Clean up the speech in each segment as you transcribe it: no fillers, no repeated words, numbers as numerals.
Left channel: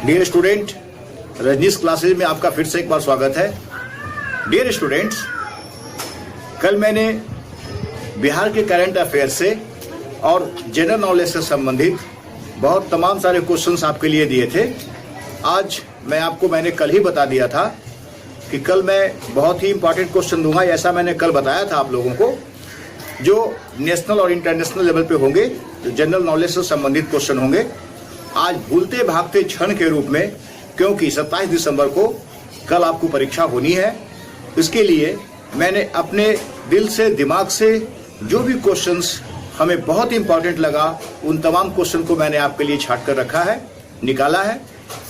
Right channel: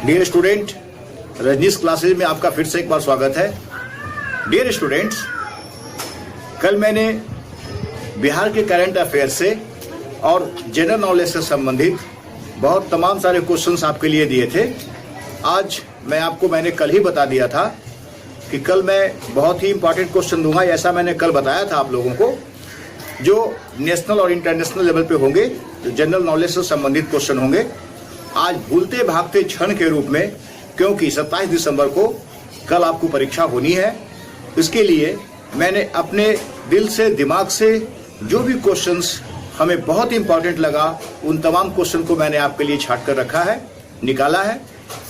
Dear student, Rajneesh classes में आपका फिर से एक बार स्वागत है। डियर स्टूडेंट्स, कल मैंने बिहार के करंट अफेयर से और जनरल नॉलेज से संबंधित बहुत तमाम सारे क्वेश्चंस आपके लिए दिए थे। आज मैंने कल ही बता दिया था कि कल मैं बहुत ही इंपॉर्टेंट क्वेश्चन दूंगा। ऐसा मैंने कल बताया था आप लोगों को, जो नेशनल और इंटरनेशनल लेवल पे होंगे, जो जनरल नॉलेज से संबंधित क्वेश्चन होंगे। आज भूलते भागते क्षण के रूप में, क्योंकि 27 दिसंबर को कल आपको परीक्षा होनी है, इसके लिए मैंने अपने दिल से दिमाग से जो भी क्वेश्चंस हमें बहुत इंपॉर्टेंट लगा, उन तमाम क्वेश्चन को मैंने आपके लिए छांट कर रखा है, निकाला है,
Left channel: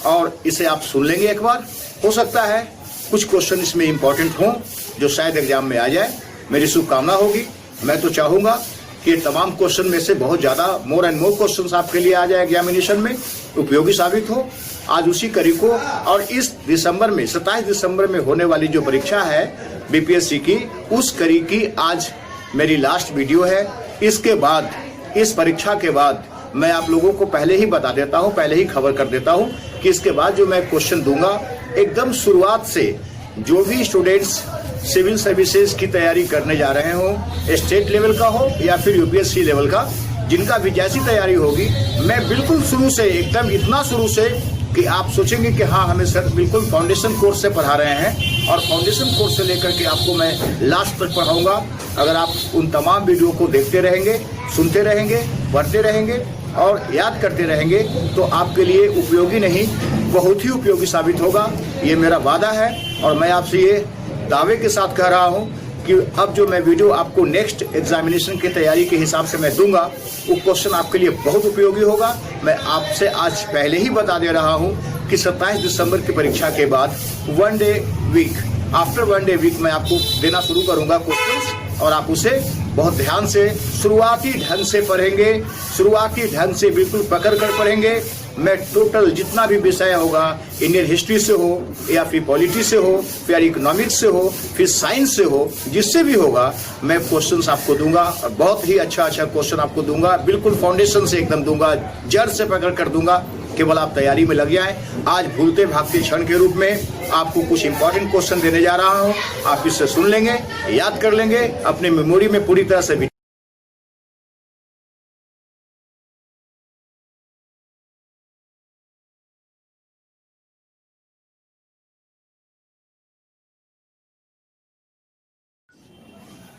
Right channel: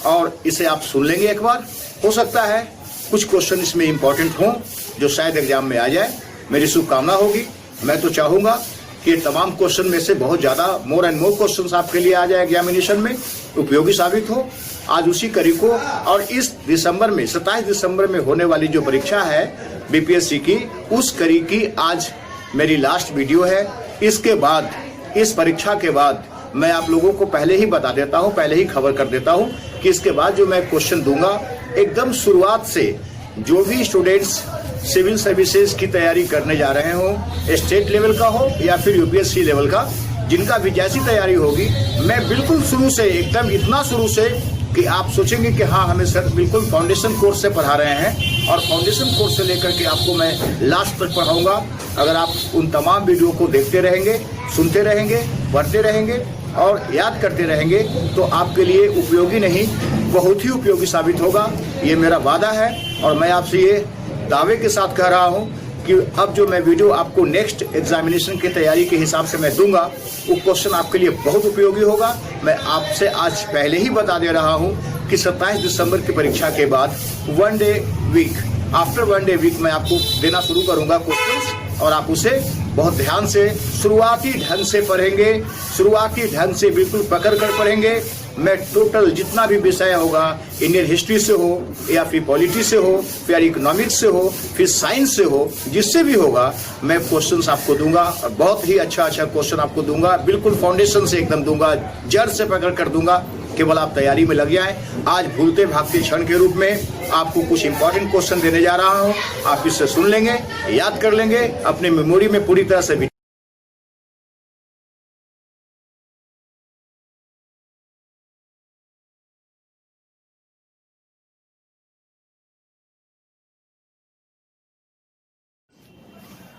और इसे आप सुन लेंगे एक बार। हो सकता है कुछ क्वेश्चन इसमें इंपॉर्टेंट हों जो शायद एग्जाम में आ जाए। मेरी शुभकामना होगी। मैं तो चाहूंगा कि तमाम क्वेश्चन में से बहुत ज्यादा मोर एंड मोर क्वेश्चंस आपके लिए आ जाए, एग्जामिनेशन में उपयोगी साबित हो। आज उसी कड़ी को, और इस दिसंबर में 27 दिसंबर में होने वाली जो परीक्षा है बीपीएससी की, उस कड़ी की आज मेरी लास्ट वीडियो है। इसके बाद, इस परीक्षा के बाद मैं आप लोगों को पहले ही बता देता हूं, पहले ही खबर कर देता हूं कि इसके बाद जो मैं क्वेश्चन दूंगा, एकदम शुरुआत से जो भी स्टूडेंट्स सिविल सर्विसेज की तैयारी करने जा रहे हो, स्टेट लेवल का हो या फिर यूपीएससी लेवल का, जिनका भी जैसी तैयारी होगी, मैं बिल्कुल शुरू से, एकदम इतना शुरू से कि आप सोचेंगे कि हाँ, हमें सर बिल्कुल फाउंडेशन कोर्स से पढ़ा रहे हैं, और फाउंडेशन कोर्स से लेकर के आपको मैं लास्ट तक पढ़ाऊंगा। अगर आप उन तमाम वीडियो को देखते रहेंगे, सुनते रहेंगे, पढ़ते रहेंगे और याद करते रहेंगे, तो आपके लिए उपयोगी नहीं, बहुत ही उपयोगी साबित होगा। ये मेरा वादा है, और मैं आपसे ये दावे के साथ कह रहा हूं कि अब जो मैं वीडियो आपको नेक्स्ट एग्जामिनेशन की तैयारी के हिसाब से मैं दूंगा, वो क्वेश्चन आपके लिए बहुत उपयोगी होगा। मैं आपसे आज पहले ही बता दे रहा हूं कि 27 दिसंबर की परीक्षा के बाद one day week, after one day week मैं आपको देना शुरू करूंगा क्वेश्चंस, और आप उसे बहुत ध्यान से शुरुआती ढंग से पढ़ेंगे, शुरुआती ढंग से बिल्कुल पकड़ कर पढ़ेंगे। मैं टोटल जितना भी विषय होगा, इंडियन हिस्ट्री से हो या फिर पॉलिटी से हो, फिर इकोनॉमिक्स से हो, फिर साइंस से हो, जिससे भी होगा, मैं क्वेश्चंस आपको दूंगा, और बहुत ही अच्छा क्वेश्चन आपको दूंगा। बिल्कुल फाउंडेशन से एकदम दूंगा, जड़ से पकड़ कर दूंगा। केवल आप तैयारी में लग जाएं। आज भूलते भागते क्षण के रूप में आपको कुछ इंपॉर्टेंट क्वेश्चन देने जा रहा हूं। आप इससे सुन लेंगे, याद कर लेंगे, अपने मेमोरी में पूरी तरह से।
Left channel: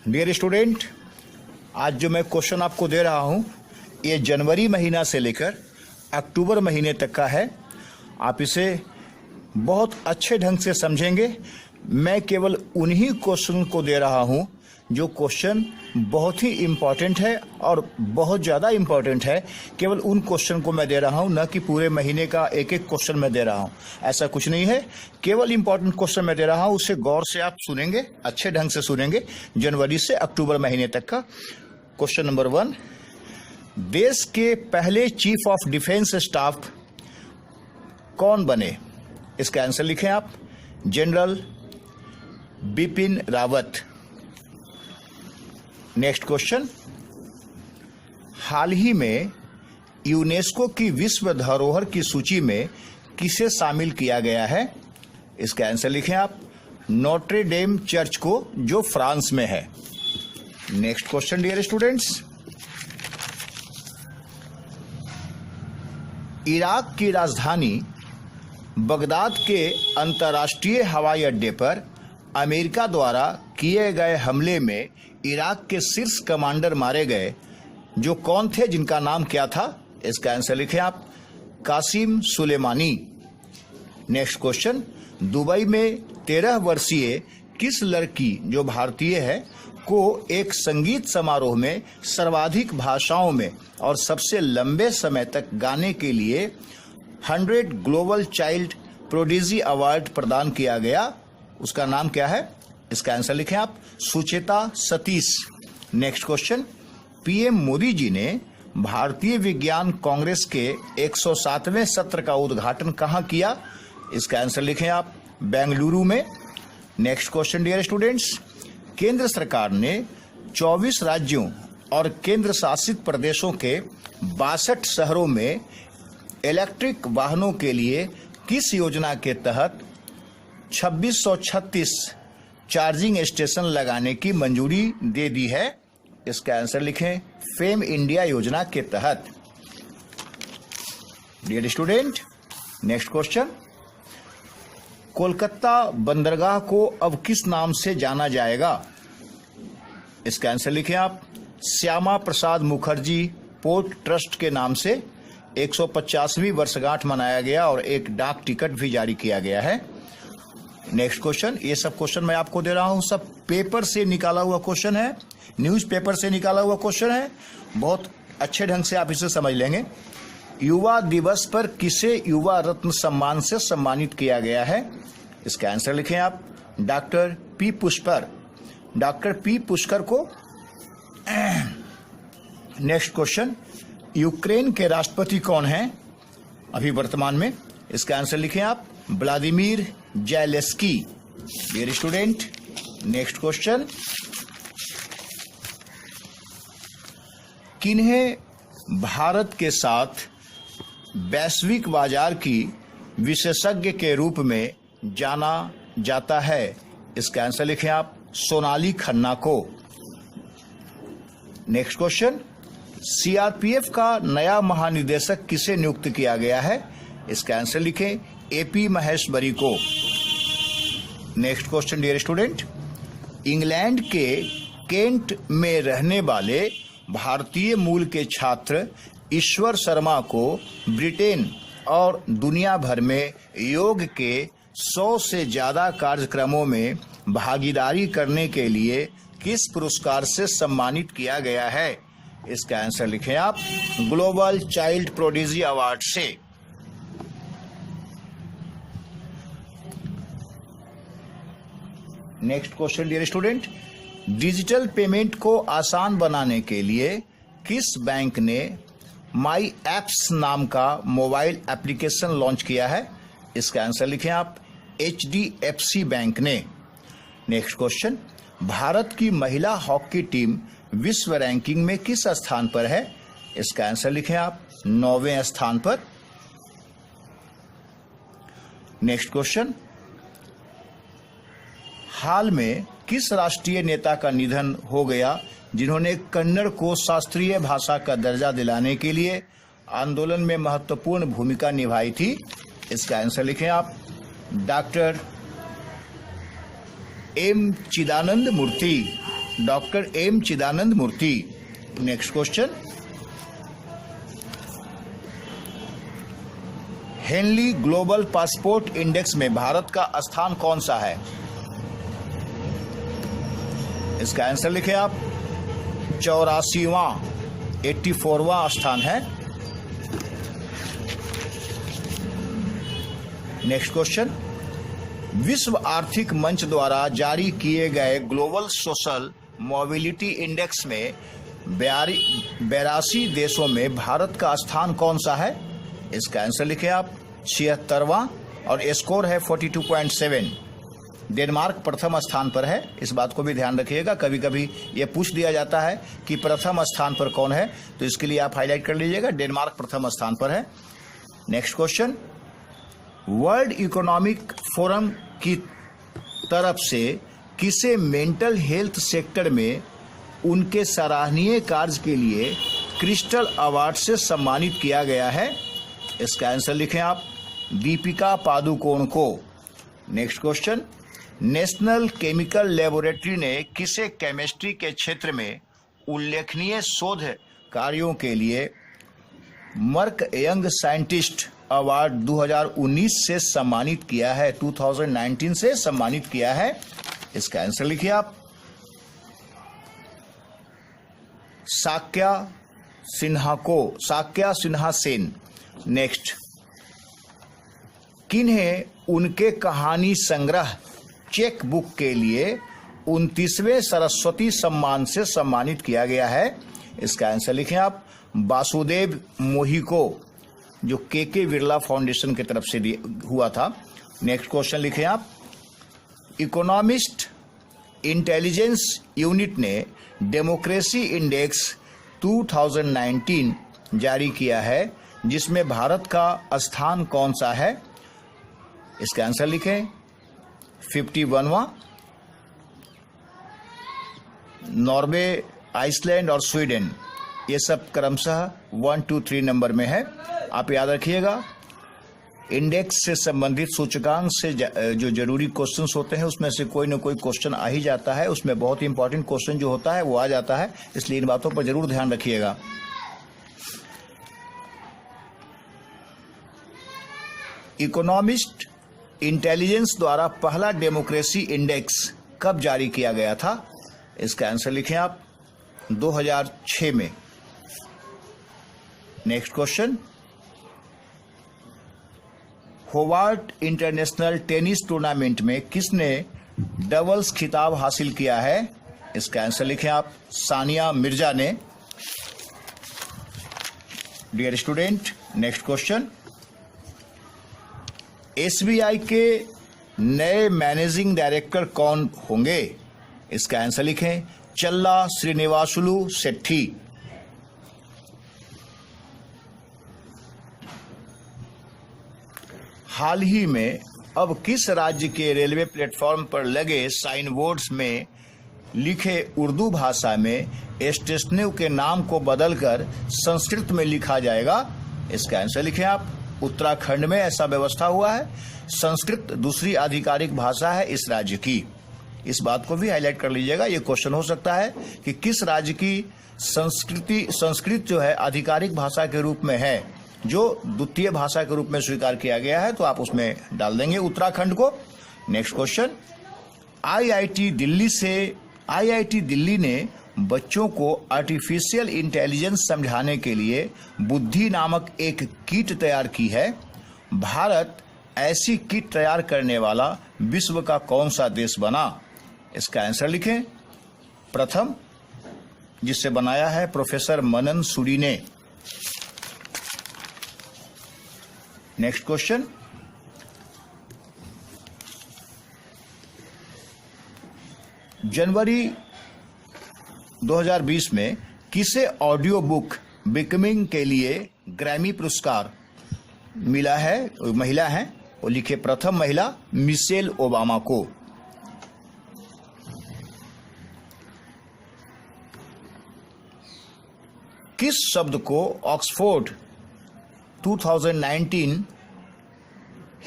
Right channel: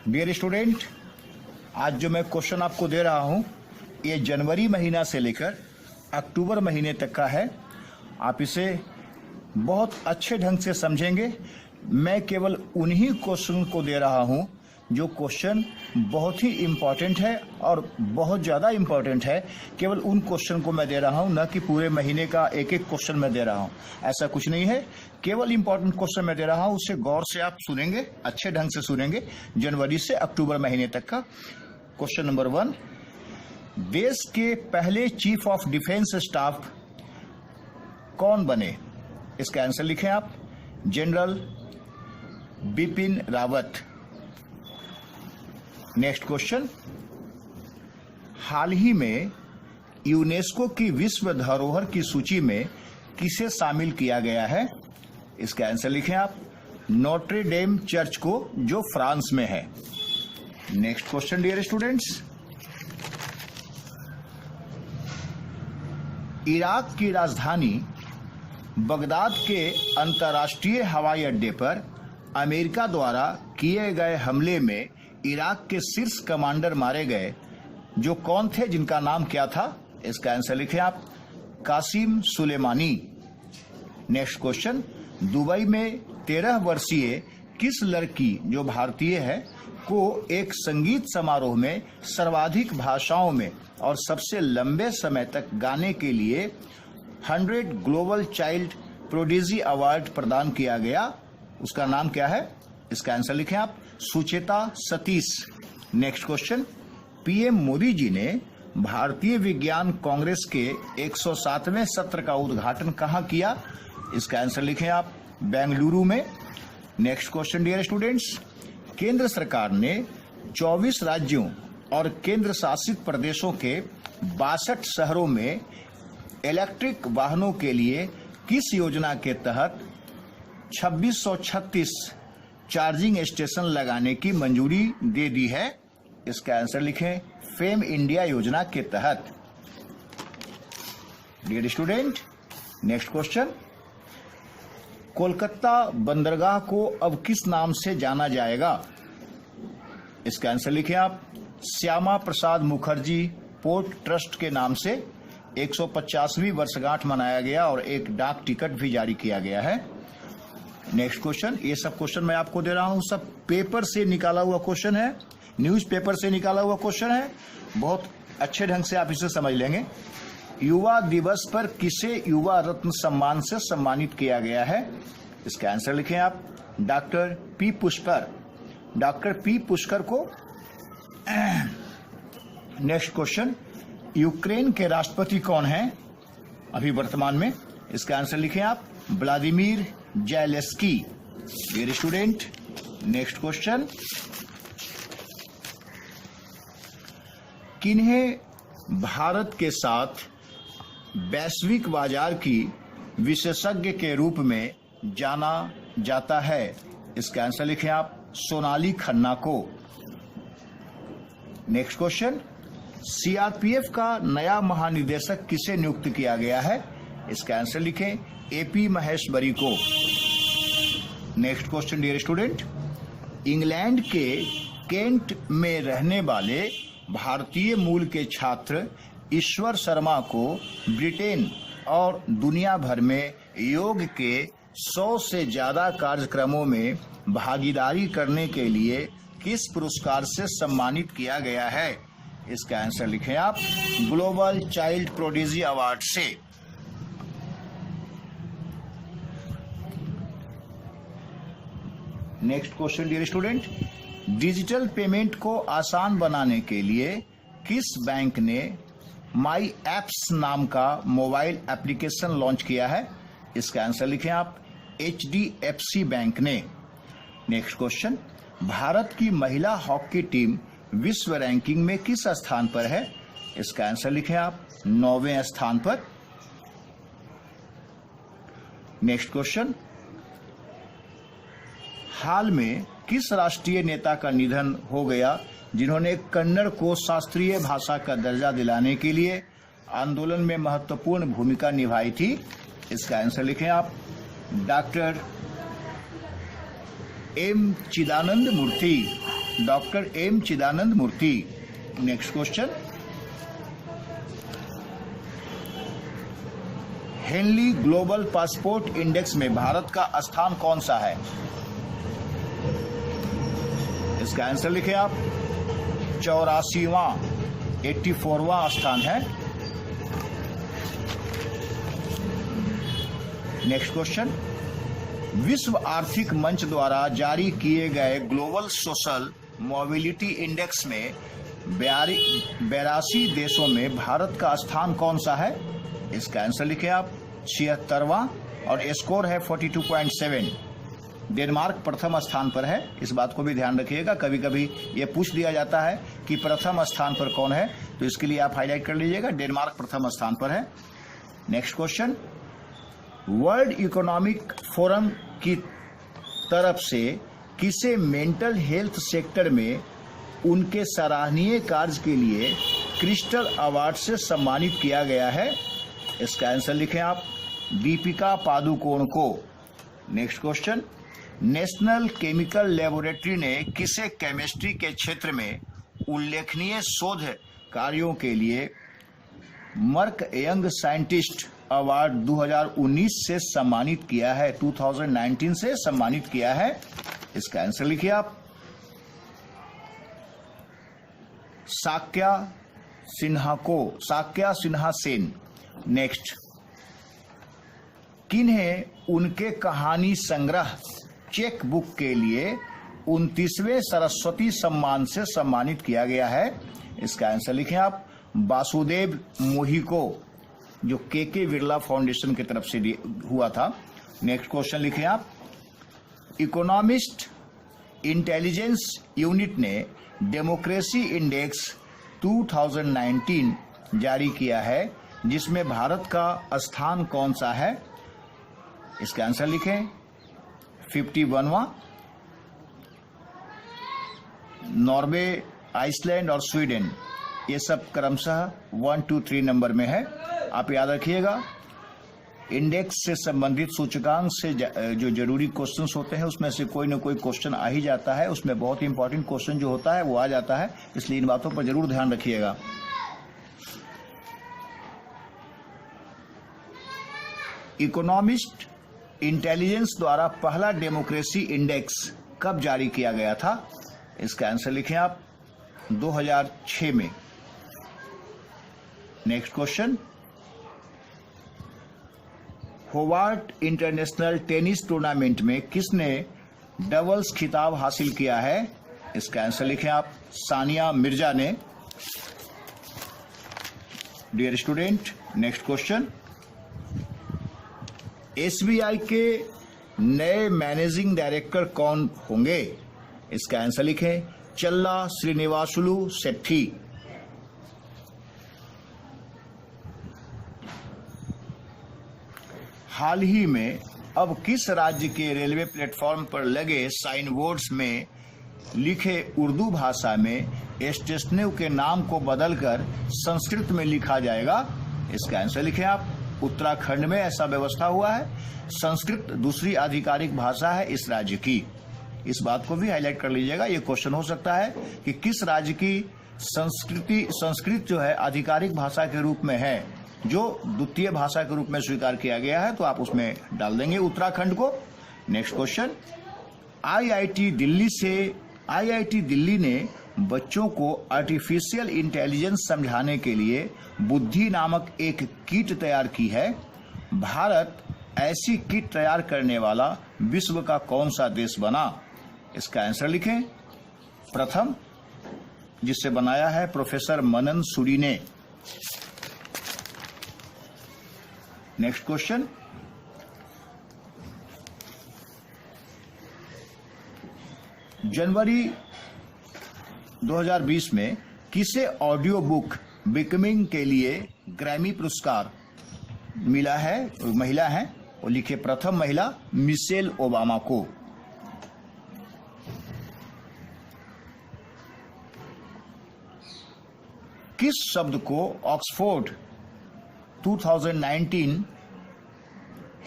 डियर स्टूडेंट, आज जो मैं क्वेश्चन आपको दे रहा हूं, ये जनवरी महीना से लेकर अक्टूबर महीने तक का है। आप इसे बहुत अच्छे ढंग से समझेंगे। मैं केवल उन्हीं क्वेश्चन को दे रहा हूं जो क्वेश्चन बहुत ही इम्पॉर्टेंट है, और बहुत ज़्यादा इम्पॉर्टेंट है। केवल उन क्वेश्चन को मैं दे रहा हूं, न कि पूरे महीने का एक एक क्वेश्चन मैं दे रहा हूं। ऐसा कुछ नहीं है, केवल इम्पॉर्टेंट क्वेश्चन मैं दे रहा हूं। उसे गौर से आप सुनेंगे, अच्छे ढंग से सुनेंगे। जनवरी से अक्टूबर महीने तक का क्वेश्चन नंबर 1, देश के पहले चीफ ऑफ डिफेंस स्टाफ कौन बने? इसका आंसर लिखें आप, general Bipin Rawat. Next question, हाल ही में यूनेस्को की विश्व धरोहर की सूची में किसे शामिल किया गया है? इसका आंसर लिखें आप, नोट्रे डेम चर्च को, जो फ्रांस में है। Next question dear students, Iraq की राजधानी बगदाद के अंतर्राष्ट्रीय हवाई अड्डे पर अमेरिका द्वारा किए गए हमले में इराक के शीर्ष कमांडर मारे गए, जो कौन थे, जिनका नाम क्या था? इसका आंसर लिखें आप, Qasem Soleimani. Next question, Dubai में 13 वर्षीय किस लड़की, जो भारतीय है, को एक संगीत समारोह में सर्वाधिक भाषाओं में और सबसे लंबे समय तक गाने के लिए 100 ग्लोबल चाइल्ड प्रोडिजी अवार्ड प्रदान किया गया? उसका नाम क्या है? इसका आंसर लिखें आप, Sucheta Satish. Next question, PM Modi ji ने भारतीय विज्ञान कांग्रेस के 107वें सत्र का उद्घाटन कहां किया? इसका आंसर लिखें आप, बेंगलुरु में। नेक्स्ट क्वेश्चन डियर स्टूडेंट्स, केंद्र सरकार ने 24 राज्यों और केंद्र शासित प्रदेशों के 62 शहरों में इलेक्ट्रिक वाहनों के लिए किस योजना के तहत 2636 चार्जिंग स्टेशन लगाने की मंजूरी दे दी है? इसका आंसर लिखें, फेम इंडिया योजना के तहत। Dear student, next question, Kolkata बंदरगाह को अब किस नाम से जाना जाएगा? इसका आंसर लिखें आप, श्यामा प्रसाद मुखर्जी पोर्ट ट्रस्ट के नाम से 150वीं वर्षगांठ मनाया गया और एक डाक टिकट भी जारी किया गया है। नेक्स्ट क्वेश्चन, ये सब क्वेश्चन मैं आपको दे रहा हूं, सब पेपर से निकाला हुआ क्वेश्चन है, न्यूज पेपर से निकाला हुआ क्वेश्चन है, बहुत अच्छे ढंग से आप इसे समझ लेंगे। युवा दिवस पर किसे युवा रत्न सम्मान से सम्मानित किया गया है? इसका आंसर लिखें आप, doctor P Pushkar, doctor P Pushkar को। नेक्स्ट क्वेश्चन, यूक्रेन के राष्ट्रपति कौन हैं अभी वर्तमान में? इसका आंसर लिखें आप, Vladimir Zelensky. Dear student, next question, किन्हें भारत के साथ वैश्विक बाजार की विशेषज्ञ के रूप में जाना जाता है? इसका आंसर लिखें आप, सोनाली खन्ना को। नेक्स्ट क्वेश्चन, सीआरपीएफ का नया महानिदेशक किसे नियुक्त किया गया है? इसका आंसर लिखें, एपी महेश्वरी को। Next question dear student, England के केंट में रहने वाले भारतीय मूल के छात्र ईश्वर शर्मा को ब्रिटेन और दुनिया भर में योग के 100 से ज्यादा कार्यक्रमों में भागीदारी करने के लिए किस पुरस्कार से सम्मानित किया गया है? इसका आंसर लिखें आप, ग्लोबल चाइल्ड प्रोडिजी अवार्ड से। Next question dear student, digital payment को आसान बनाने के लिए किस बैंक ने माई एप्स नाम का मोबाइल एप्लीकेशन लॉन्च किया है? इसका आंसर लिखें आप, HDFC बैंक ने। नेक्स्ट क्वेश्चन, भारत की महिला हॉकी टीम विश्व रैंकिंग में किस स्थान पर है? इसका आंसर लिखें आप, 9वें स्थान पर। नेक्स्ट क्वेश्चन, हाल में किस राष्ट्रीय नेता का निधन हो गया जिन्होंने कन्नड़ को शास्त्रीय भाषा का दर्जा दिलाने के लिए आंदोलन में महत्वपूर्ण भूमिका निभाई थी? इसका आंसर लिखें आप, doctor M Chidanand Murthy, doctor M Chidanand Murthy. Next question, Henley global passport index में भारत का स्थान कौन सा है? इसका आंसर लिखें आप, 84वां स्थान है। नेक्स्ट क्वेश्चन, विश्व आर्थिक मंच द्वारा जारी किए गए ग्लोबल सोशल मोबिलिटी इंडेक्स में 82 देशों में भारत का स्थान कौन सा है? इसका आंसर लिखें आप, 76वां, और स्कोर है 42.7। डेनमार्क प्रथम स्थान पर है, इस बात को भी ध्यान रखिएगा, कभी कभी ये पूछ दिया जाता है कि प्रथम स्थान पर कौन है, तो इसके लिए आप हाईलाइट कर लीजिएगा, डेनमार्क प्रथम स्थान पर है। Next question, world economic forum की तरफ से किसे मेंटल हेल्थ सेक्टर में उनके सराहनीय कार्य के लिए क्रिस्टल अवार्ड से सम्मानित किया गया है? इसका आंसर लिखें आप, दीपिका पादुकोण को। Next question, national chemical laboratory ने किसे केमिस्ट्री के क्षेत्र में उल्लेखनीय शोध कार्यों के लिए मर्क यंग साइंटिस्ट अवार्ड 2019 से सम्मानित किया है? 2019 से सम्मानित किया है। इसका आंसर लिखिए आप, साक्या सिन्हा सेन। नेक्स्ट, किन्हें उनके कहानी संग्रह चेक बुक के लिए 29वें सरस्वती सम्मान से सम्मानित किया गया है? इसका आंसर लिखें आप, वासुदेव मोही को, जो के बिरला फाउंडेशन की तरफ से हुआ था। नेक्स्ट क्वेश्चन लिखें आप, इकोनॉमिस्ट इंटेलिजेंस यूनिट ने डेमोक्रेसी इंडेक्स 2019 जारी किया है, जिसमें भारत का स्थान कौन सा है? इसका आंसर लिखें। 51वां। नॉर्वे, आइसलैंड और स्वीडन, ये सब क्रमशः 1, 2, 3 नंबर में है। आप याद रखिएगा, इंडेक्स से संबंधित सूचकांक से जो जरूरी क्वेश्चंस होते हैं उसमें से कोई ना कोई क्वेश्चन आ ही जाता है। उसमें बहुत इंपॉर्टेंट क्वेश्चन जो होता है वो आ जाता है, इसलिए इन बातों पर जरूर ध्यान रखिएगा। इकोनॉमिस्ट इंटेलिजेंस द्वारा पहला डेमोक्रेसी इंडेक्स कब जारी किया गया था? इसका आंसर लिखें आप। 2006 में। Next question, Howard international tennis tournament में किसने डबल्स खिताब हासिल किया है? इसका आंसर लिखें आप। सानिया मिर्जा ने। Dear student, next question, SBI के नए मैनेजिंग डायरेक्टर कौन होंगे? इसका आंसर लिखें। चल्ला श्रीनिवासुलु सेट्टी। हाल ही में अब किस राज्य के रेलवे प्लेटफॉर्म पर लगे साइन बोर्ड्स में लिखे उर्दू भाषा में स्टेशनों के नाम को बदलकर संस्कृत में लिखा जाएगा? इसका आंसर लिखें आप। उत्तराखंड में ऐसा व्यवस्था हुआ है। संस्कृत दूसरी आधिकारिक भाषा है इस राज्य की। इस बात को भी हाईलाइट कर लीजिएगा। ये क्वेश्चन हो सकता है कि किस राज्य की संस्कृत जो है आधिकारिक भाषा के रूप में है, जो द्वितीय भाषा के रूप में स्वीकार किया गया है, तो आप उसमें डाल देंगे उत्तराखंड को। नेक्स्ट क्वेश्चन, आईआईटी दिल्ली ने बच्चों को आर्टिफिशियल इंटेलिजेंस समझाने के लिए बुद्धि नामक एक किट तैयार की है। भारत ऐसी किट तैयार करने वाला विश्व का कौन सा देश बना? इसका आंसर लिखें। प्रथम, जिससे बनाया है प्रोफेसर मनन सूरी ने। नेक्स्ट क्वेश्चन, जनवरी 2020 में किसे ऑडियो बुक बिकमिंग के लिए ग्रैमी पुरस्कार मिला है? महिला है, वो लिखे प्रथम महिला मिशेल ओबामा को। किस शब्द को Oxford 2019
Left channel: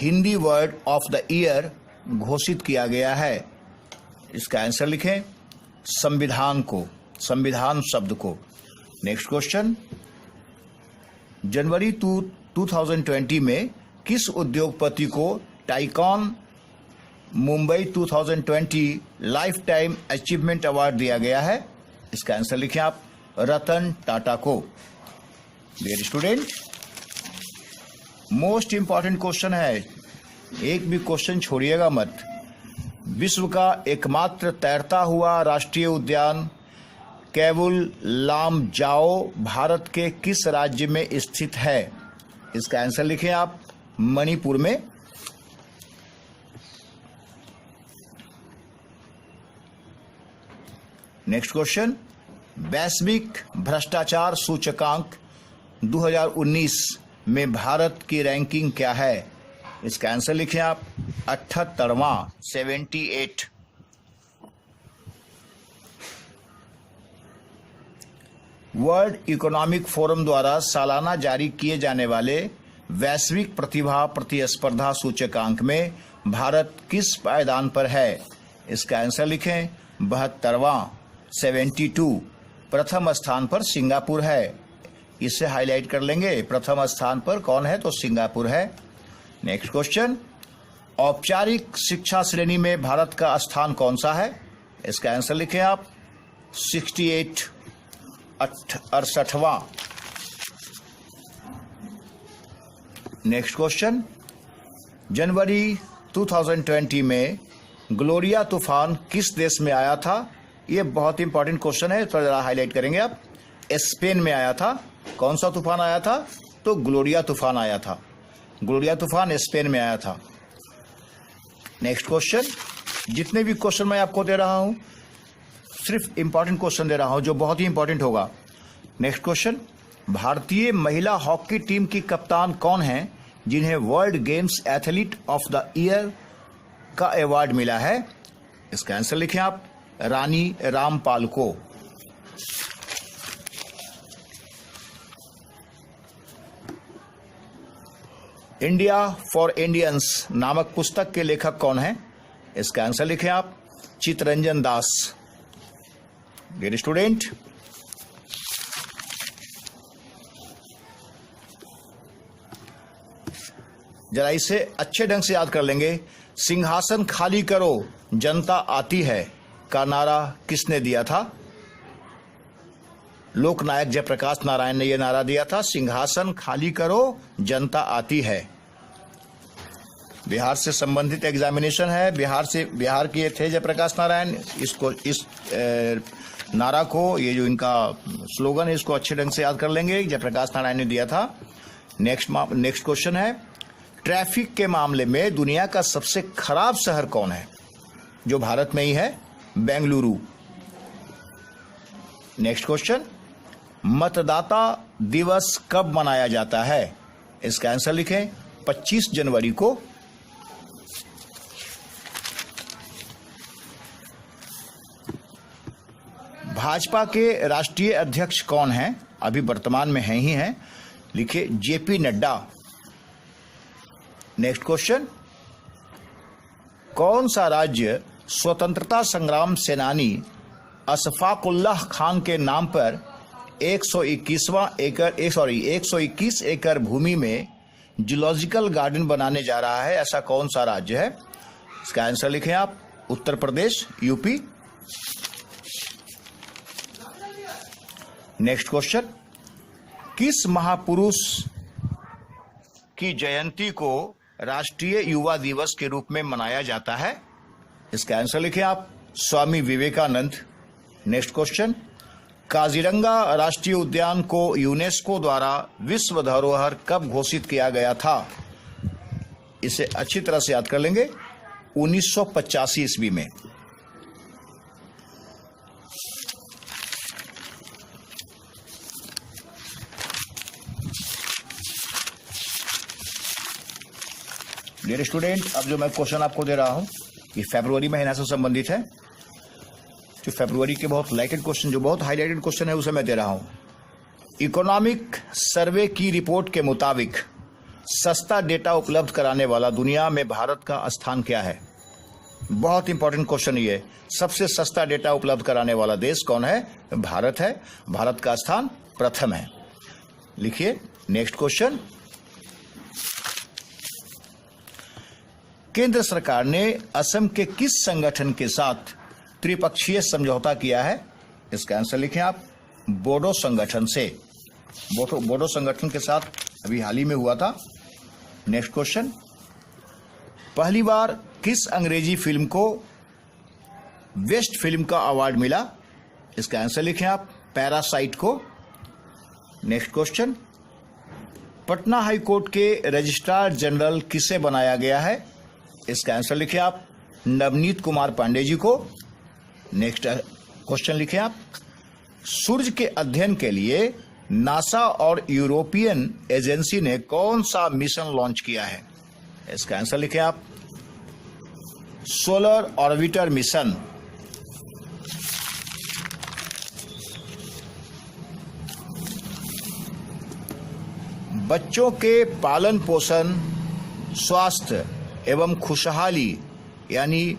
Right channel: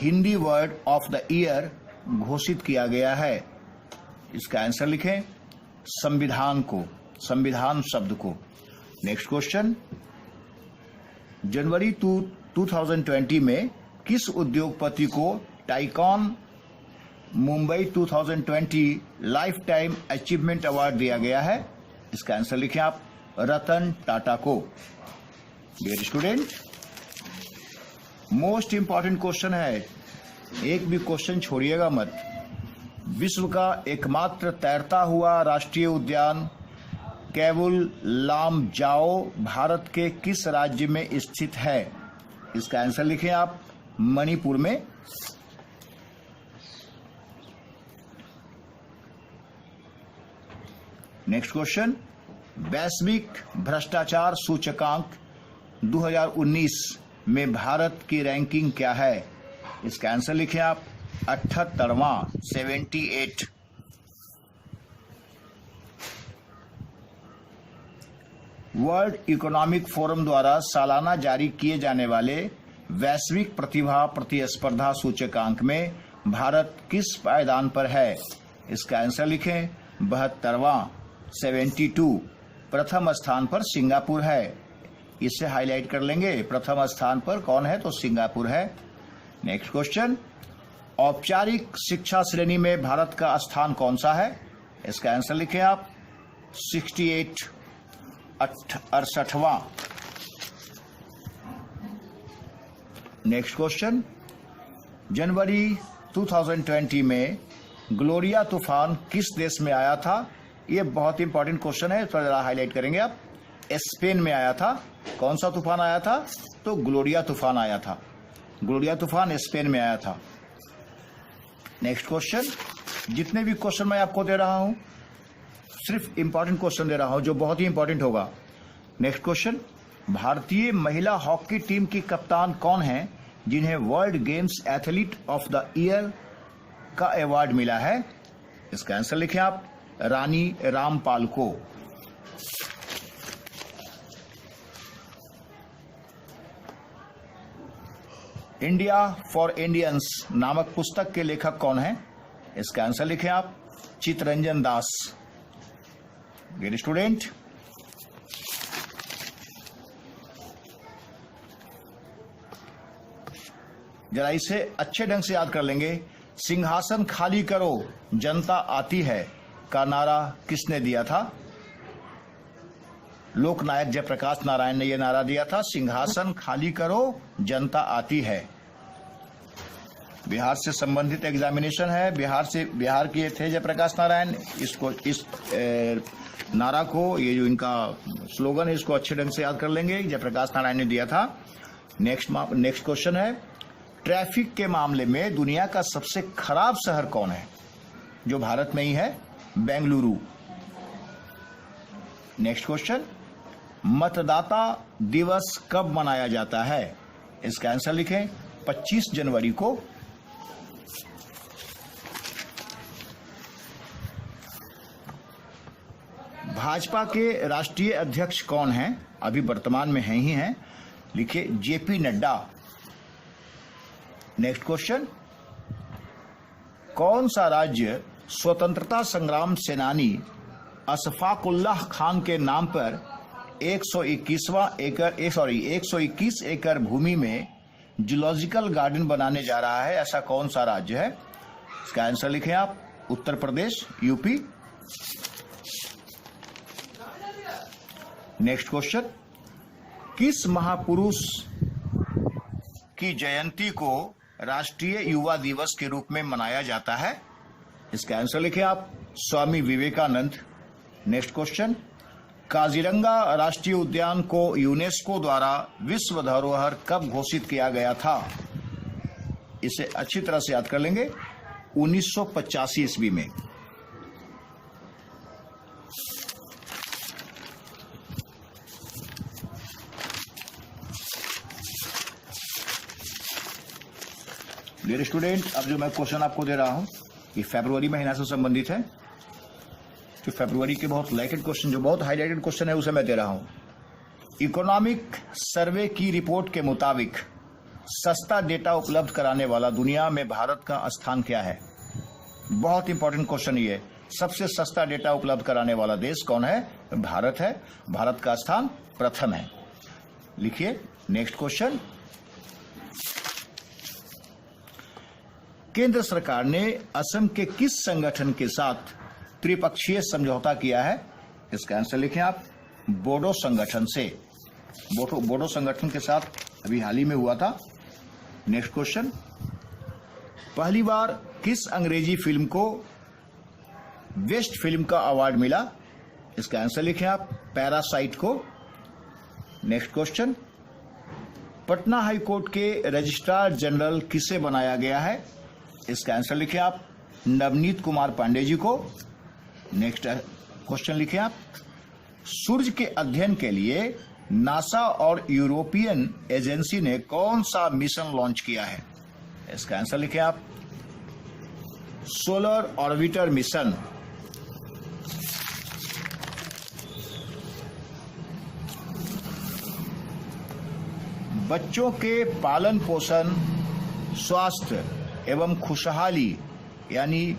Hindi word of the year घोषित किया गया है? इसका आंसर लिखें। संविधान को, संविधान शब्द को। नेक्स्ट क्वेश्चन, जनवरी 2020 में किस उद्योगपति को tycoon Mumbai 2020 life time achievement award दिया गया है? इसका आंसर लिखें आप। रतन टाटा को। Dear student, most important question है, एक भी क्वेश्चन छोड़िएगा मत। विश्व का एकमात्र तैरता हुआ राष्ट्रीय उद्यान केवुल लामजाओ भारत के किस राज्य में स्थित है? इसका आंसर लिखें आप। मणिपुर में। नेक्स्ट क्वेश्चन, वैश्विक भ्रष्टाचार सूचकांक 2019 में भारत की रैंकिंग क्या है? इसका आंसर लिखें आप। 78वां, 78। वर्ल्ड इकोनॉमिक फोरम द्वारा सालाना जारी किए जाने वाले वैश्विक प्रतिभा प्रतिस्पर्धा सूचकांक में भारत किस पायदान पर है? इसका आंसर लिखें। 72वां, 72। प्रथम स्थान पर सिंगापुर है। इसे हाईलाइट कर लेंगे। प्रथम स्थान पर कौन है? तो सिंगापुर है। नेक्स्ट क्वेश्चन, औपचारिक शिक्षा श्रेणी में भारत का स्थान कौन सा है? इसका आंसर लिखें आप। 68, 68वां। नेक्स्ट क्वेश्चन, जनवरी 2020 में ग्लोरिया तूफान किस देश में आया था? ये बहुत इंपॉर्टेंट क्वेश्चन है, थोड़ा जरा हाईलाइट करेंगे आप। स्पेन में आया था। कौन सा तूफान आया था? तो ग्लोरिया तूफान आया था। ग्लोरिया तूफान स्पेन में आया था। नेक्स्ट क्वेश्चन, जितने भी क्वेश्चन मैं आपको दे रहा हूं सिर्फ इंपॉर्टेंट क्वेश्चन दे रहा हूं जो बहुत ही इंपॉर्टेंट होगा। नेक्स्ट क्वेश्चन, भारतीय महिला हॉकी टीम की कप्तान कौन है जिन्हें world games athlete of the year का अवार्ड मिला है? इसका आंसर लिखें आप, रानी रामपाल को। इंडिया फॉर इंडियंस नामक पुस्तक के लेखक कौन है? इसका आंसर लिखें आप, चित्तरंजन दास। डियर स्टूडेंट, जरा इसे अच्छे ढंग से याद कर लेंगे। सिंहासन खाली करो जनता आती है का नारा किसने दिया था? लोकनायक जयप्रकाश नारायण ने यह नारा दिया था, सिंहासन खाली करो जनता आती है। बिहार से संबंधित एग्जामिनेशन है, बिहार के थे जयप्रकाश नारायण। इस नारा को, ये जो इनका स्लोगन है, इसको अच्छे ढंग से याद कर लेंगे, जयप्रकाश नारायण ने दिया था। नेक्स्ट क्वेश्चन है, ट्रैफिक के मामले में दुनिया का सबसे खराब शहर कौन है? जो भारत में ही है, बेंगलुरु। नेक्स्ट क्वेश्चन, मतदाता दिवस कब मनाया जाता है? इसका आंसर लिखें, 25 जनवरी को। भाजपा के राष्ट्रीय अध्यक्ष कौन हैं? अभी वर्तमान में हैं ही हैं, लिखे जेपी नड्डा। नेक्स्ट क्वेश्चन, कौन सा राज्य स्वतंत्रता संग्राम सेनानी अशफाकुल्लाह खान के नाम पर 121 एकड़ भूमि में जूलॉजिकल गार्डन बनाने जा रहा है? ऐसा कौन सा राज्य है? इसका आंसर लिखें आप, Uttar Pradesh, UP. Next question, किस महापुरुष की जयंती को राष्ट्रीय युवा दिवस के रूप में मनाया जाता है? इसका आंसर लिखें आप, स्वामी विवेकानंद। नेक्स्ट क्वेश्चन, काजीरंगा राष्ट्रीय उद्यान को यूनेस्को द्वारा विश्व धरोहर कब घोषित किया गया था? इसे अच्छी तरह से याद कर लेंगे, 1985 ईस्वी में। डियर स्टूडेंट, अब जो मैं क्वेश्चन आपको दे रहा हूं, ये फरवरी महीना से संबंधित है। जो फरवरी के बहुत लाइटेड क्वेश्चन, जो बहुत हाईलाइटेड क्वेश्चन है, उसे मैं दे रहा हूं। इकोनॉमिक सर्वे की रिपोर्ट के मुताबिक सस्ता डेटा उपलब्ध कराने वाला दुनिया में भारत का स्थान क्या है? बहुत इंपॉर्टेंट क्वेश्चन ये। सबसे सस्ता डेटा उपलब्ध कराने वाला देश कौन है? भारत है। भारत का स्थान प्रथम है। लिखिए नेक्स्ट क्वेश्चन, केंद्र सरकार ने असम के किस संगठन के साथ त्रिपक्षीय समझौता किया है? इसका आंसर लिखें आप, बोडो संगठन से। बोडो संगठन के साथ अभी हाल ही में हुआ था। नेक्स्ट क्वेश्चन, पहली बार किस अंग्रेजी फिल्म को बेस्ट फिल्म का अवार्ड मिला? इसका आंसर लिखें आप, पैरासाइट को। Next question, Patna high court के रजिस्ट्रार जनरल किसे बनाया गया है? इसका आंसर लिखें आप, नवनीत कुमार पांडे जी को। नेक्स्ट क्वेश्चन लिखें आप, सूर्य के अध्ययन के लिए नासा और यूरोपियन एजेंसी ने कौन सा मिशन लॉन्च किया है? इसका आंसर लिखें आप, सोलर ऑर्बिटर मिशन। बच्चों के पालन पोषण, स्वास्थ्य एवं खुशहाली यानी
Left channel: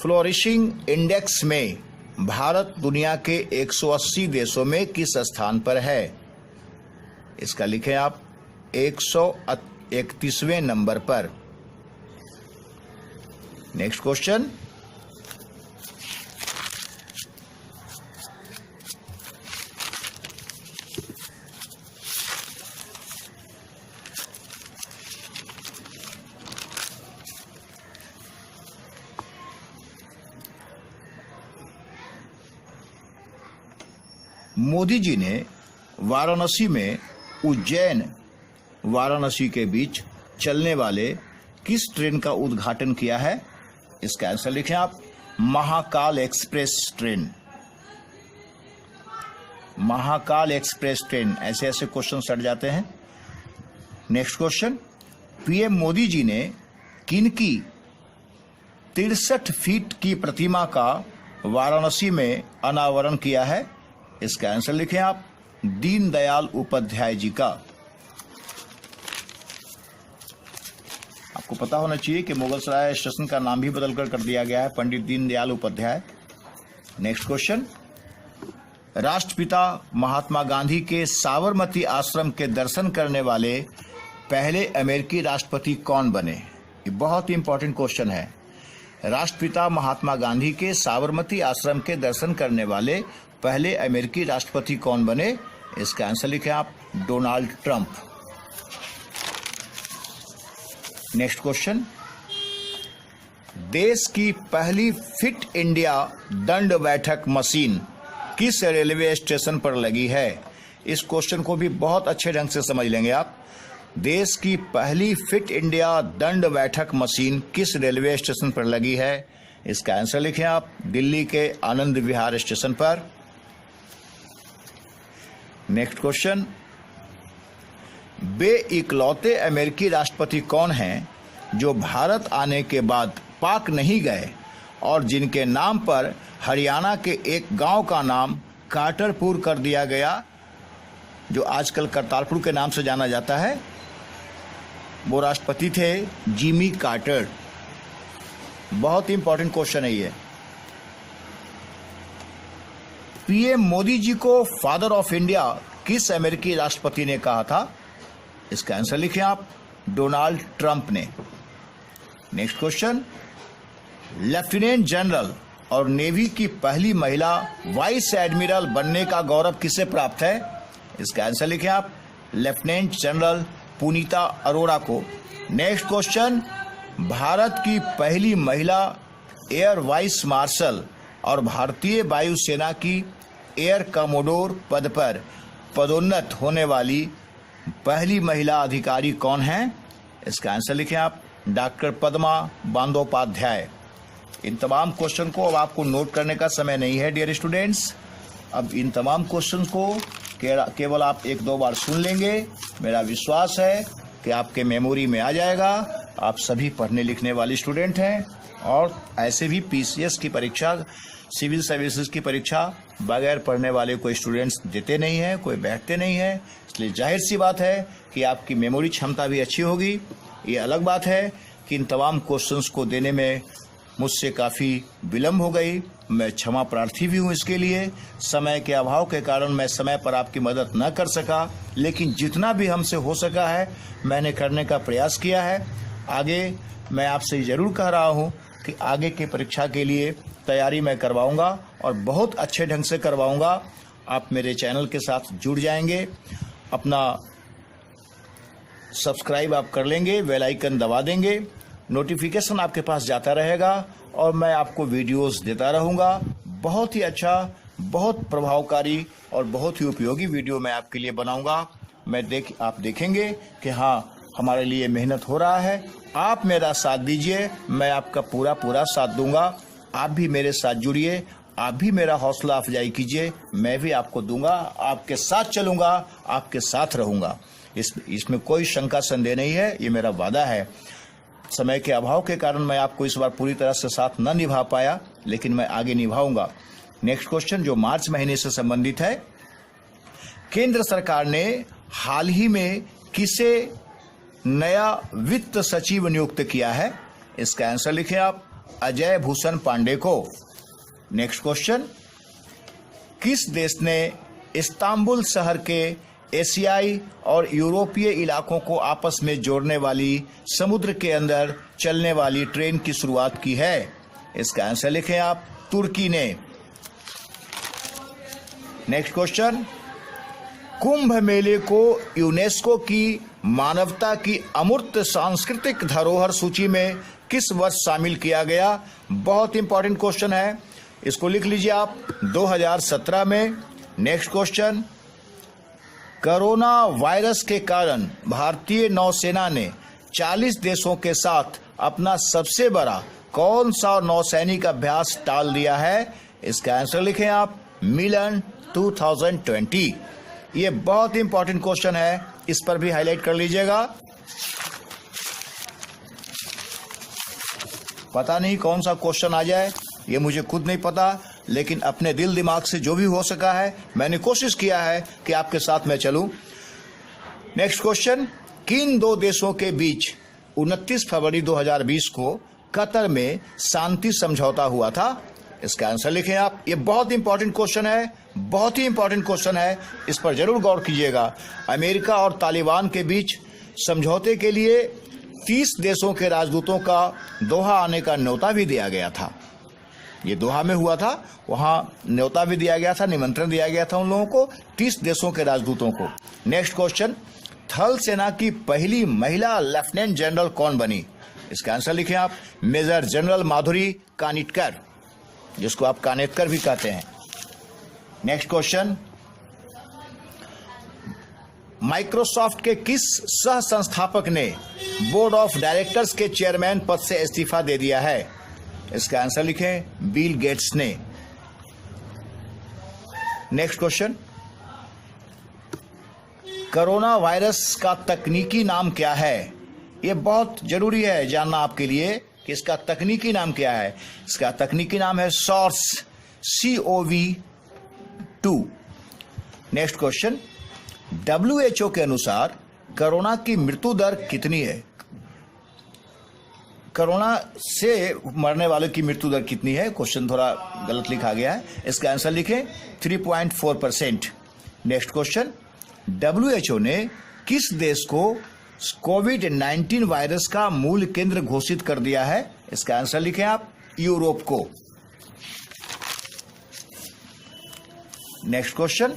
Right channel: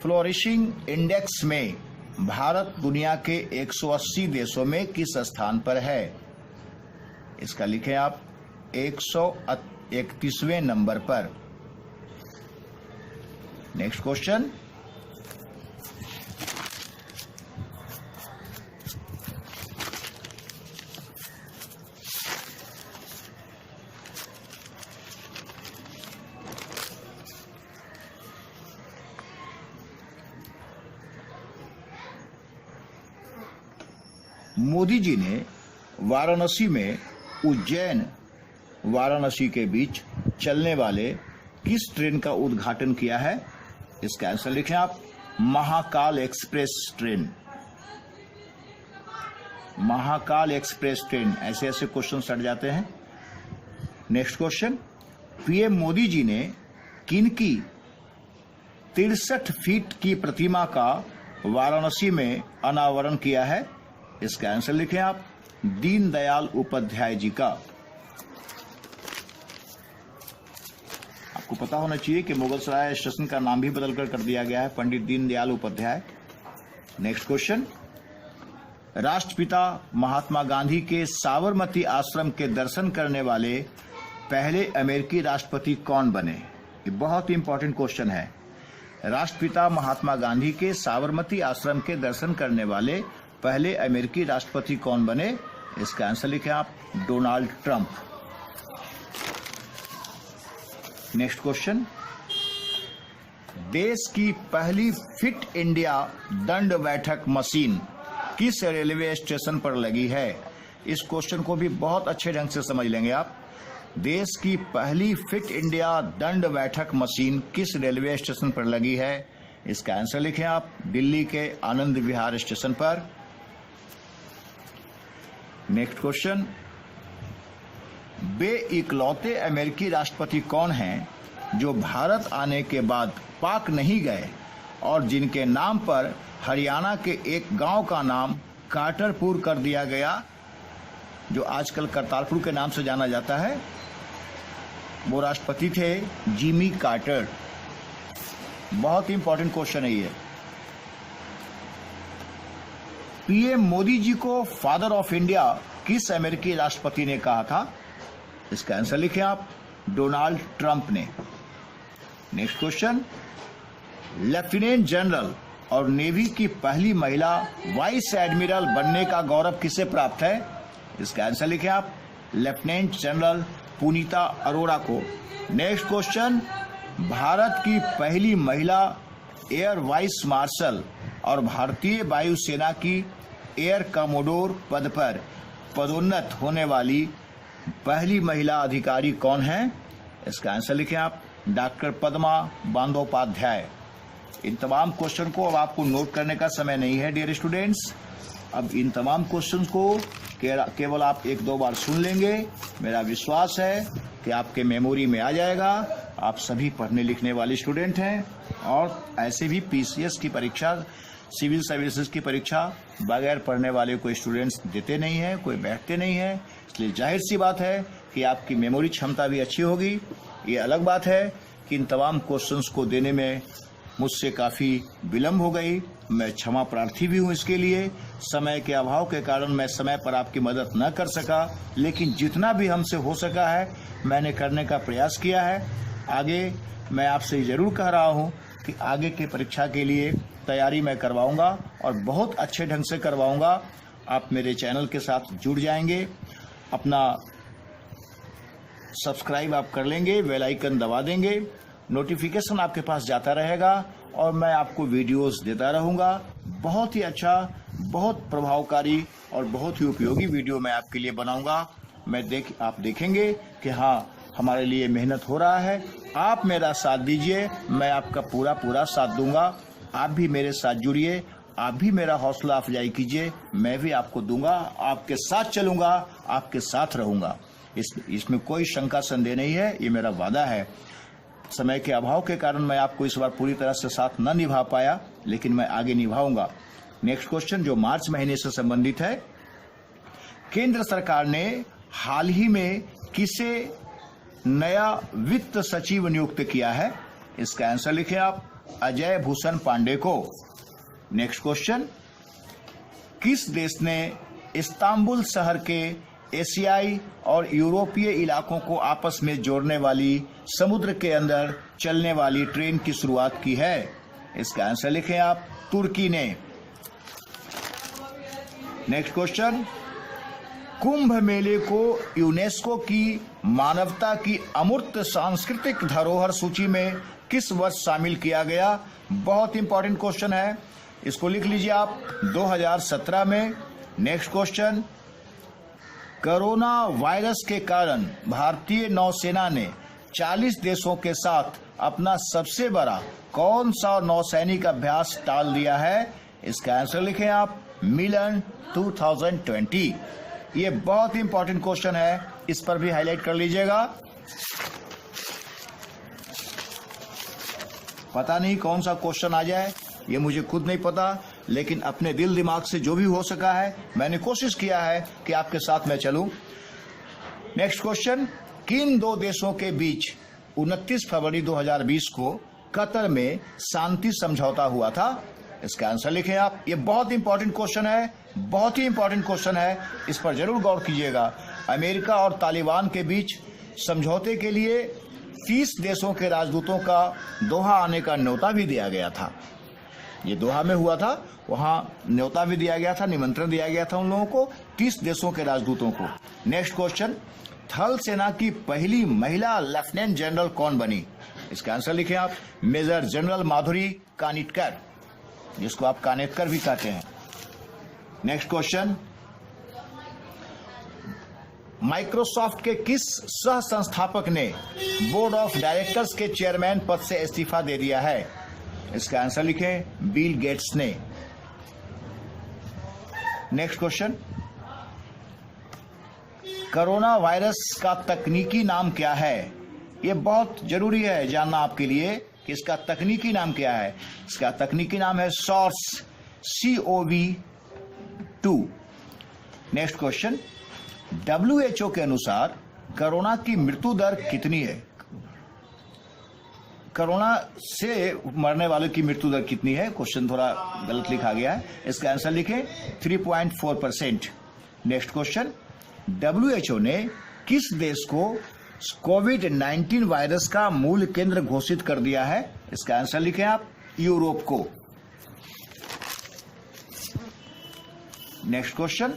फ्लोरिशिंग इंडेक्स में भारत दुनिया के 180 देशों में किस स्थान पर है? इसका लिखें आप, 131वें नंबर पर। नेक्स्ट क्वेश्चन, मोदी जी ने वाराणसी में उज्जैन वाराणसी के बीच चलने वाले किस ट्रेन का उद्घाटन किया है? इसका आंसर लिखें आप, Mahakal express train. Mahakal express train, ऐसे ऐसे क्वेश्चन सट जाते हैं। Next question, PM Modi ji ने किनकी 63 फीट की प्रतिमा का वाराणसी में अनावरण किया है? इसका आंसर लिखें आप, दीनदयाल उपाध्याय जी का। आपको पता होना चाहिए कि मुगलसराय स्टेशन का नाम भी बदलकर कर दिया गया है पंडित दीनदयाल उपाध्याय। नेक्स्ट क्वेश्चन, राष्ट्रपिता महात्मा गांधी के साबरमती आश्रम के दर्शन करने वाले पहले अमेरिकी राष्ट्रपति कौन बने? ये बहुत ही इंपॉर्टेंट क्वेश्चन है। राष्ट्रपिता महात्मा गांधी के साबरमती आश्रम के दर्शन करने वाले पहले अमेरिकी राष्ट्रपति कौन बने? इसका आंसर लिखें आप, डोनाल्ड ट्रंप। नेक्स्ट क्वेश्चन, देश की पहली फिट इंडिया दंड बैठक मशीन किस रेलवे स्टेशन पर लगी है? इस क्वेश्चन को भी बहुत अच्छे ढंग से समझ लेंगे आप। देश की पहली फिट इंडिया दंड बैठक मशीन किस रेलवे स्टेशन पर लगी है? इसका आंसर लिखें आप, दिल्ली के आनंद विहार स्टेशन पर। नेक्स्ट क्वेश्चन, वे इकलौते अमेरिकी राष्ट्रपति कौन हैं जो भारत आने के बाद पाक नहीं गए और जिनके नाम पर हरियाणा के एक गांव का नाम कार्टरपुर कर दिया गया, जो आजकल करतारपुर के नाम से जाना जाता है? वो राष्ट्रपति थे जिमी कार्टर। बहुत ही इंपॉर्टेंट क्वेश्चन है ये। पीएम मोदी जी को फादर ऑफ इंडिया किस अमेरिकी राष्ट्रपति ने कहा था? इसका आंसर लिखें आप, डोनाल्ड ट्रंप ने। नेक्स्ट क्वेश्चन, लेफ्टिनेंट जनरल और नेवी की पहली महिला वाइस एडमिरल बनने का गौरव किसे प्राप्त है? इसका आंसर लिखें आप, लेफ्टिनेंट जनरल पुनीता अरोड़ा को। नेक्स्ट क्वेश्चन, भारत की पहली महिला एयर वाइस मार्शल और भारतीय वायुसेना की एयर कमोडोर पद पर पदोन्नत होने वाली पहली महिला अधिकारी कौन है? इसका आंसर लिखें आप, डॉक्टर पद्मा बंदोपाध्याय। इन तमाम क्वेश्चन को अब आपको नोट करने का समय नहीं है डियर स्टूडेंट्स। अब इन तमाम क्वेश्चन को केवल आप एक दो बार सुन लेंगे, मेरा विश्वास है कि आपके मेमोरी में आ जाएगा। आप सभी पढ़ने लिखने वाले स्टूडेंट हैं और ऐसे भी पीसीएस की परीक्षा, सिविल सर्विसेज की परीक्षा बगैर पढ़ने वाले कोई स्टूडेंट्स देते नहीं हैं, कोई बैठते नहीं है। इसलिए जाहिर सी बात है कि आपकी मेमोरी क्षमता भी अच्छी होगी। ये अलग बात है कि इन तमाम क्वेश्चंस को देने में मुझसे काफ़ी विलम्ब हो गई। मैं क्षमा प्रार्थी भी हूँ इसके लिए। समय के अभाव के कारण मैं समय पर आपकी मदद न कर सका, लेकिन जितना भी हमसे हो सका है मैंने करने का प्रयास किया है। आगे मैं आपसे ज़रूर कह रहा हूँ कि आगे की परीक्षा के लिए तैयारी मैं करवाऊँगा और बहुत अच्छे ढंग से करवाऊँगा। आप मेरे चैनल के साथ जुड़ जाएंगे, अपना सब्सक्राइब आप कर लेंगे, बेल आइकन दबा देंगे, नोटिफिकेशन आपके पास जाता रहेगा और मैं आपको वीडियोस देता रहूँगा। बहुत ही अच्छा, बहुत प्रभावकारी और बहुत ही उपयोगी वीडियो मैं आपके लिए बनाऊँगा। आप देखेंगे कि हाँ, हमारे लिए मेहनत हो रहा है। आप मेरा साथ दीजिए, मैं आपका पूरा साथ दूंगा। आप भी मेरे साथ जुड़िए, आप भी मेरा हौसला अफजाई कीजिए, मैं भी आपको दूंगा, आपके साथ चलूँगा, आपके साथ रहूँगा। इसमें कोई शंका संदेह नहीं है, ये मेरा वादा है। समय के अभाव के कारण मैं आपको इस बार पूरी तरह से साथ न निभा पाया, लेकिन मैं आगे निभाऊंगा। नेक्स्ट क्वेश्चन जो मार्च महीने से संबंधित है, केंद्र सरकार ने हाल ही में किसे नया वित्त सचिव नियुक्त किया है? इसका आंसर लिखें आप, अजय भूषण पांडे को। नेक्स्ट क्वेश्चन, किस देश ने इस्तांबुल शहर के एशियाई और यूरोपीय इलाकों को आपस में जोड़ने वाली समुद्र के अंदर चलने वाली ट्रेन की शुरुआत की है? इसका आंसर लिखें आप, तुर्की ने। नेक्स्ट क्वेश्चन, कुंभ मेले को यूनेस्को की मानवता की अमूर्त सांस्कृतिक धरोहर सूची में किस वर्ष शामिल किया गया? बहुत इंपॉर्टेंट क्वेश्चन है, इसको लिख लीजिए आप, 2017 में। नेक्स्ट क्वेश्चन, कोरोना वायरस के कारण भारतीय नौसेना ने 40 देशों के साथ अपना सबसे बड़ा कौन सा नौसैनिक अभ्यास टाल दिया है? इसका आंसर लिखें आप, मिलन 2020। ये बहुत इंपॉर्टेंट क्वेश्चन है, इस पर भी हाईलाइट कर लीजिएगा। पता नहीं कौन सा क्वेश्चन आ जाए, ये मुझे खुद नहीं पता, लेकिन अपने दिल दिमाग से जो भी हो सका है मैंने कोशिश किया है कि आपके साथ मैं चलूं। नेक्स्ट क्वेश्चन, किन दो देशों के बीच 29 फरवरी 2020 को कतर में शांति समझौता हुआ था? इसका आंसर लिखें आप। ये बहुत इंपॉर्टेंट क्वेश्चन है, बहुत ही इंपॉर्टेंट क्वेश्चन है, इस पर जरूर गौर कीजिएगा। अमेरिका और तालिबान के बीच समझौते के लिए 30 देशों के राजदूतों का दोहा आने का न्योता भी दिया गया था। ये दोहा में हुआ था, वहां न्योता भी दिया गया था, निमंत्रण दिया गया था उन लोगों को, 30 देशों के राजदूतों को। नेक्स्ट क्वेश्चन, थल सेना की पहली महिला लेफ्टिनेंट जनरल कौन बनी? इसका आंसर लिखें आप। मेजर जनरल माधुरी कानिटकर, जिसको आप कानेटकर भी कहते हैं। नेक्स्ट क्वेश्चन, माइक्रोसॉफ्ट के किस सह संस्थापक ने बोर्ड ऑफ डायरेक्टर्स के चेयरमैन पद से इस्तीफा दे दिया है? इसका आंसर लिखें, बिल गेट्स ने। नेक्स्ट क्वेश्चन, कोरोना वायरस का तकनीकी नाम क्या है? यह बहुत जरूरी है जानना आपके लिए कि इसका तकनीकी नाम क्या है। इसका तकनीकी नाम है SARS CoV-2। Next question, WHO के अनुसार कोरोना की मृत्यु दर कितनी है? कोरोना से मरने वालों की मृत्यु दर कितनी है? क्वेश्चन थोड़ा गलत लिखा गया है, इसका आंसर लिखें 3.4%। नेक्स्ट क्वेश्चन, WHO ने किस देश को कोविड-19 वायरस का मूल केंद्र घोषित कर दिया है? इसका आंसर लिखें आप, यूरोप को। Next question,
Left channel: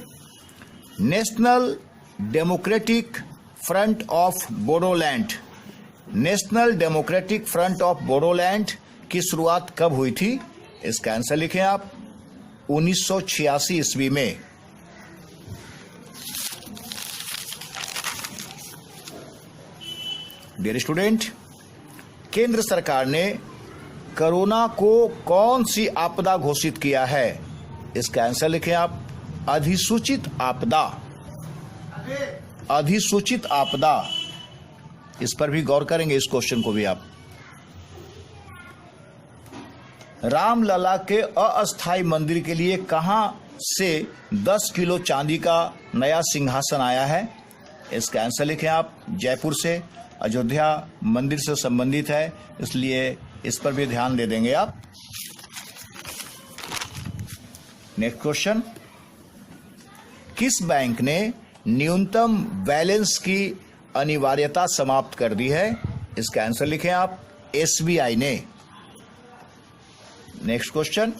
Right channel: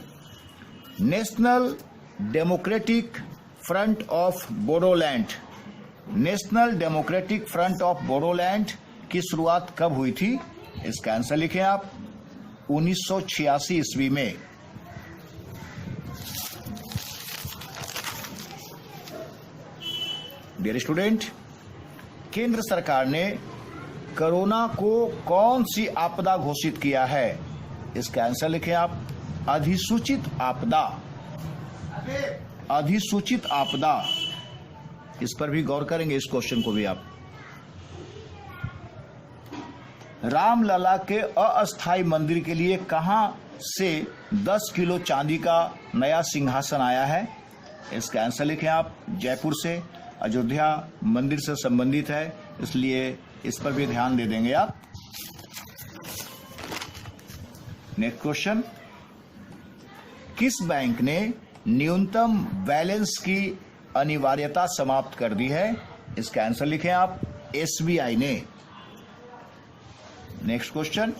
national democratic front of Bodoland, national democratic front of Bodoland की शुरुआत कब हुई थी? इसका आंसर लिखें आप, 1986 ईस्वी में। डियर स्टूडेंट, केंद्र सरकार ने कोरोना को कौन सी आपदा घोषित किया है? इसका आंसर लिखें आप, अधिसूचित आपदा। अधिसूचित आपदा, इस पर भी गौर करेंगे, इस क्वेश्चन को भी आप। रामलला के अस्थायी मंदिर के लिए कहां से 10 किलो चांदी का नया सिंहासन आया है? इसका आंसर लिखें आप, जयपुर से। अयोध्या मंदिर से संबंधित है, इसलिए इस पर भी ध्यान दे देंगे आप। नेक्स्ट क्वेश्चन, किस बैंक ने न्यूनतम बैलेंस की अनिवार्यता समाप्त कर दी है? इसका आंसर लिखें आप, SBI ने। Next question,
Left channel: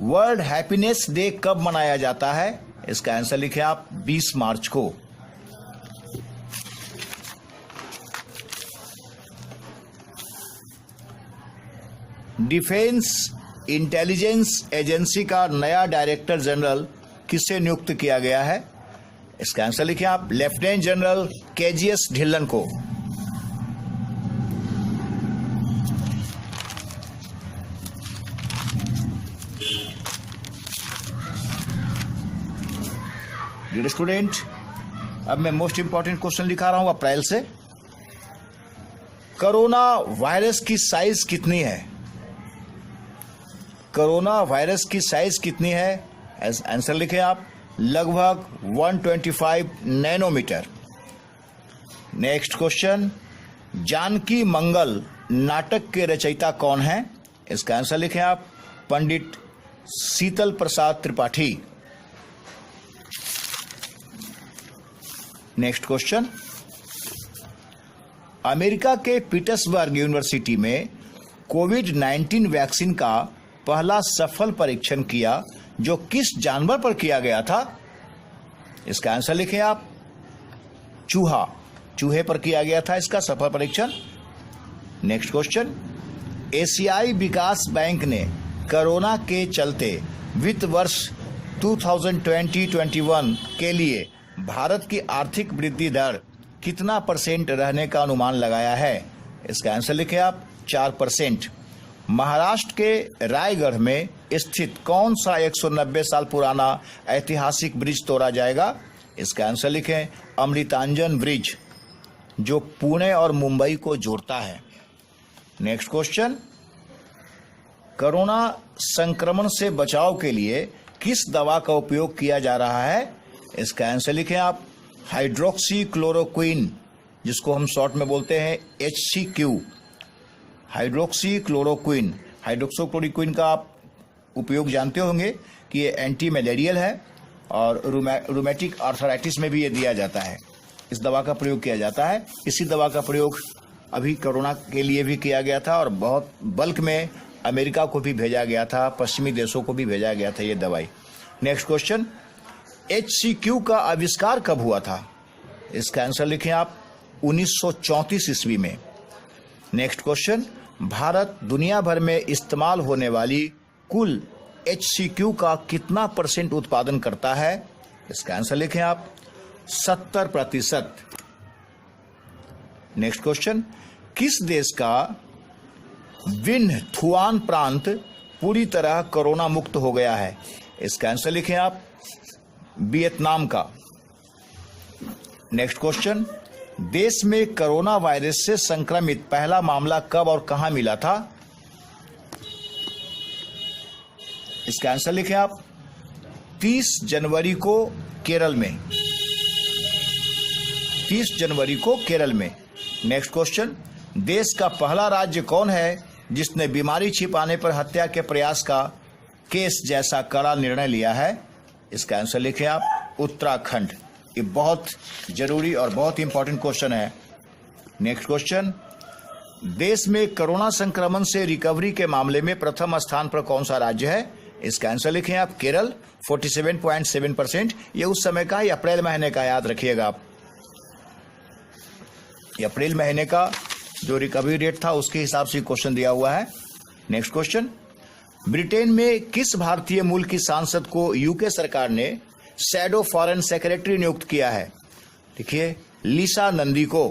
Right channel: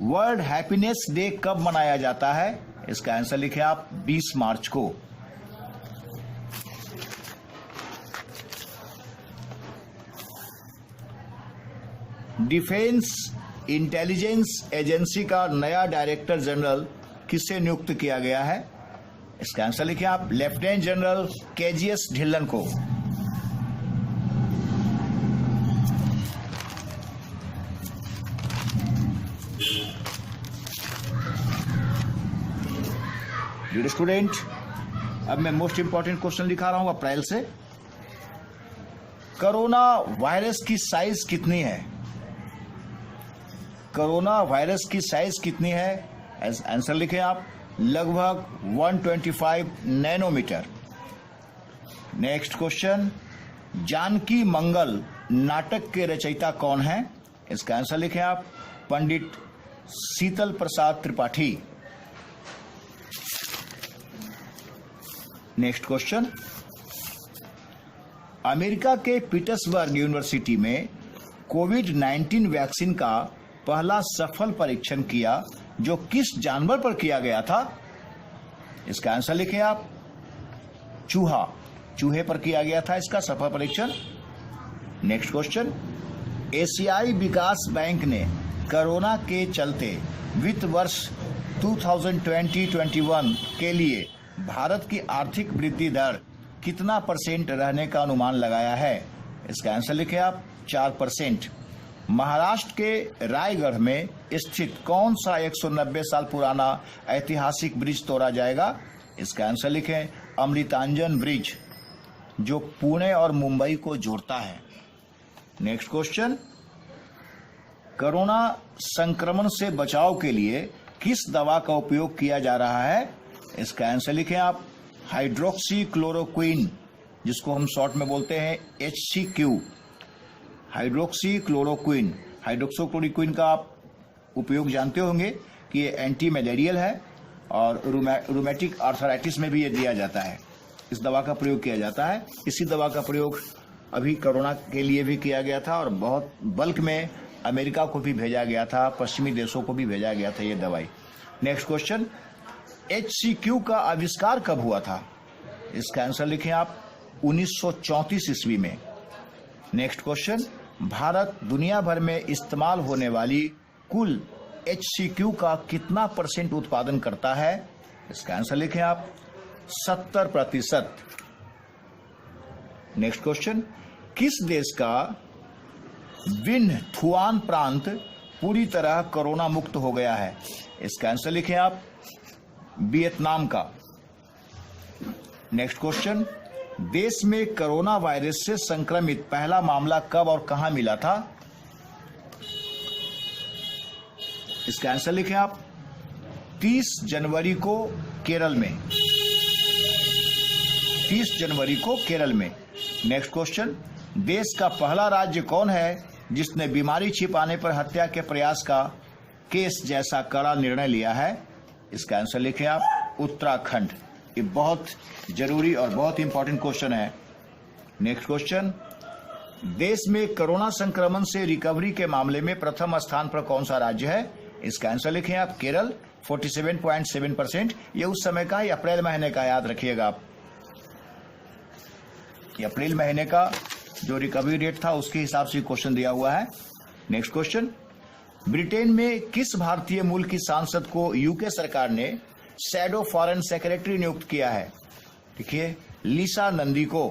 world happiness day कब मनाया जाता है? इसका आंसर लिखें आप, 20 मार्च को। डिफेंस इंटेलिजेंस एजेंसी का नया डायरेक्टर जनरल किससे नियुक्त किया गया है? इसका आंसर लिखिए आप, लेफ्टिनेंट जनरल KGS ढिल्लन को। डियर स्टूडेंट, अब मैं मोस्ट इंपॉर्टेंट क्वेश्चन लिखा रहा हूं अप्रैल से। कोरोना वायरस की साइज कितनी है? कोरोना वायरस की साइज कितनी है? आंसर लिखें आप, लगभग 125 नैनोमीटर। नेक्स्ट क्वेश्चन, जानकी मंगल नाटक के रचयिता कौन है? इसका आंसर लिखें आप, पंडित शीतल Prasad Tripathi. Next question, America के पीटर्सबर्ग यूनिवर्सिटी में कोविड-19 वैक्सीन का पहला सफल परीक्षण किया जो किस जानवर पर किया गया था? इसका आंसर लिखें आप, चूहा। चूहे पर किया गया था इसका सफल परीक्षण। नेक्स्ट क्वेश्चन, एशियाई विकास बैंक ने कोरोना के चलते वित्त वर्ष 2020-21 के लिए भारत की आर्थिक वृद्धि दर कितना % रहने का अनुमान लगाया है? इसका आंसर लिखें आप, 4%। महाराष्ट्र के रायगढ़ में स्थित कौन सा 190 साल पुराना ऐतिहासिक ब्रिज तोड़ा जाएगा? इसका आंसर लिखें, अमृतांजन ब्रिज, जो पुणे और मुंबई को जोड़ता है। नेक्स्ट क्वेश्चन, कोरोना संक्रमण से बचाव के लिए किस दवा का उपयोग किया जा रहा है? इसका आंसर लिखें आप, हाइड्रोक्सी क्लोरोक्विन, जिसको हम शॉर्ट में बोलते हैं HCQ, हाइड्रोक्सी क्लोरोक्विन। हाइड्रोक्सीक्लोरोक्विन का आप उपयोग जानते होंगे कि ये एंटी मलेरियल है और रूमेटिक आर्थराइटिस में भी ये दिया जाता है। इस दवा का प्रयोग किया जाता है। इसी दवा का प्रयोग अभी कोरोना के लिए भी किया गया था और बहुत बल्क में अमेरिका को भी भेजा गया था, पश्चिमी देशों को भी भेजा गया था ये दवाई। नेक्स्ट क्वेश्चन, HCQ का आविष्कार कब हुआ था? इसका आंसर लिखें आप, 1934 ईस्वी में। नेक्स्ट क्वेश्चन, भारत दुनिया भर में इस्तेमाल होने वाली कुल HCQ का कितना % उत्पादन करता है? इसका आंसर लिखें आप, 70%। नेक्स्ट क्वेश्चन, किस देश का विन थुआन प्रांत पूरी तरह कोरोना मुक्त हो गया है? इसका आंसर लिखें आप, वियतनाम का। नेक्स्ट क्वेश्चन, देश में कोरोना वायरस से संक्रमित पहला मामला कब और कहां मिला था? इसका आंसर लिखें आप, 30 जनवरी को केरल में, 30 जनवरी को केरल में। नेक्स्ट क्वेश्चन, देश का पहला राज्य कौन है जिसने बीमारी छिपाने पर हत्या के प्रयास का केस जैसा कड़ा निर्णय लिया है? इसका आंसर लिखें आप, उत्तराखंड। ये बहुत जरूरी और बहुत इंपॉर्टेंट क्वेश्चन है। नेक्स्ट क्वेश्चन, देश में कोरोना संक्रमण से रिकवरी के मामले में प्रथम स्थान पर कौन सा राज्य है? इसका आंसर लिखें आप, केरल, 47.7%। ये उस समय का, ये अप्रैल महीने का, याद रखिएगा आप, ये अप्रैल महीने का जो रिकवरी रेट था उसके हिसाब से क्वेश्चन दिया हुआ है। नेक्स्ट क्वेश्चन, ब्रिटेन में किस भारतीय मूल की सांसद को यूके सरकार ने शैडो फॉरेन सेक्रेटरी नियुक्त किया है? देखिए, लीसा नंदी को।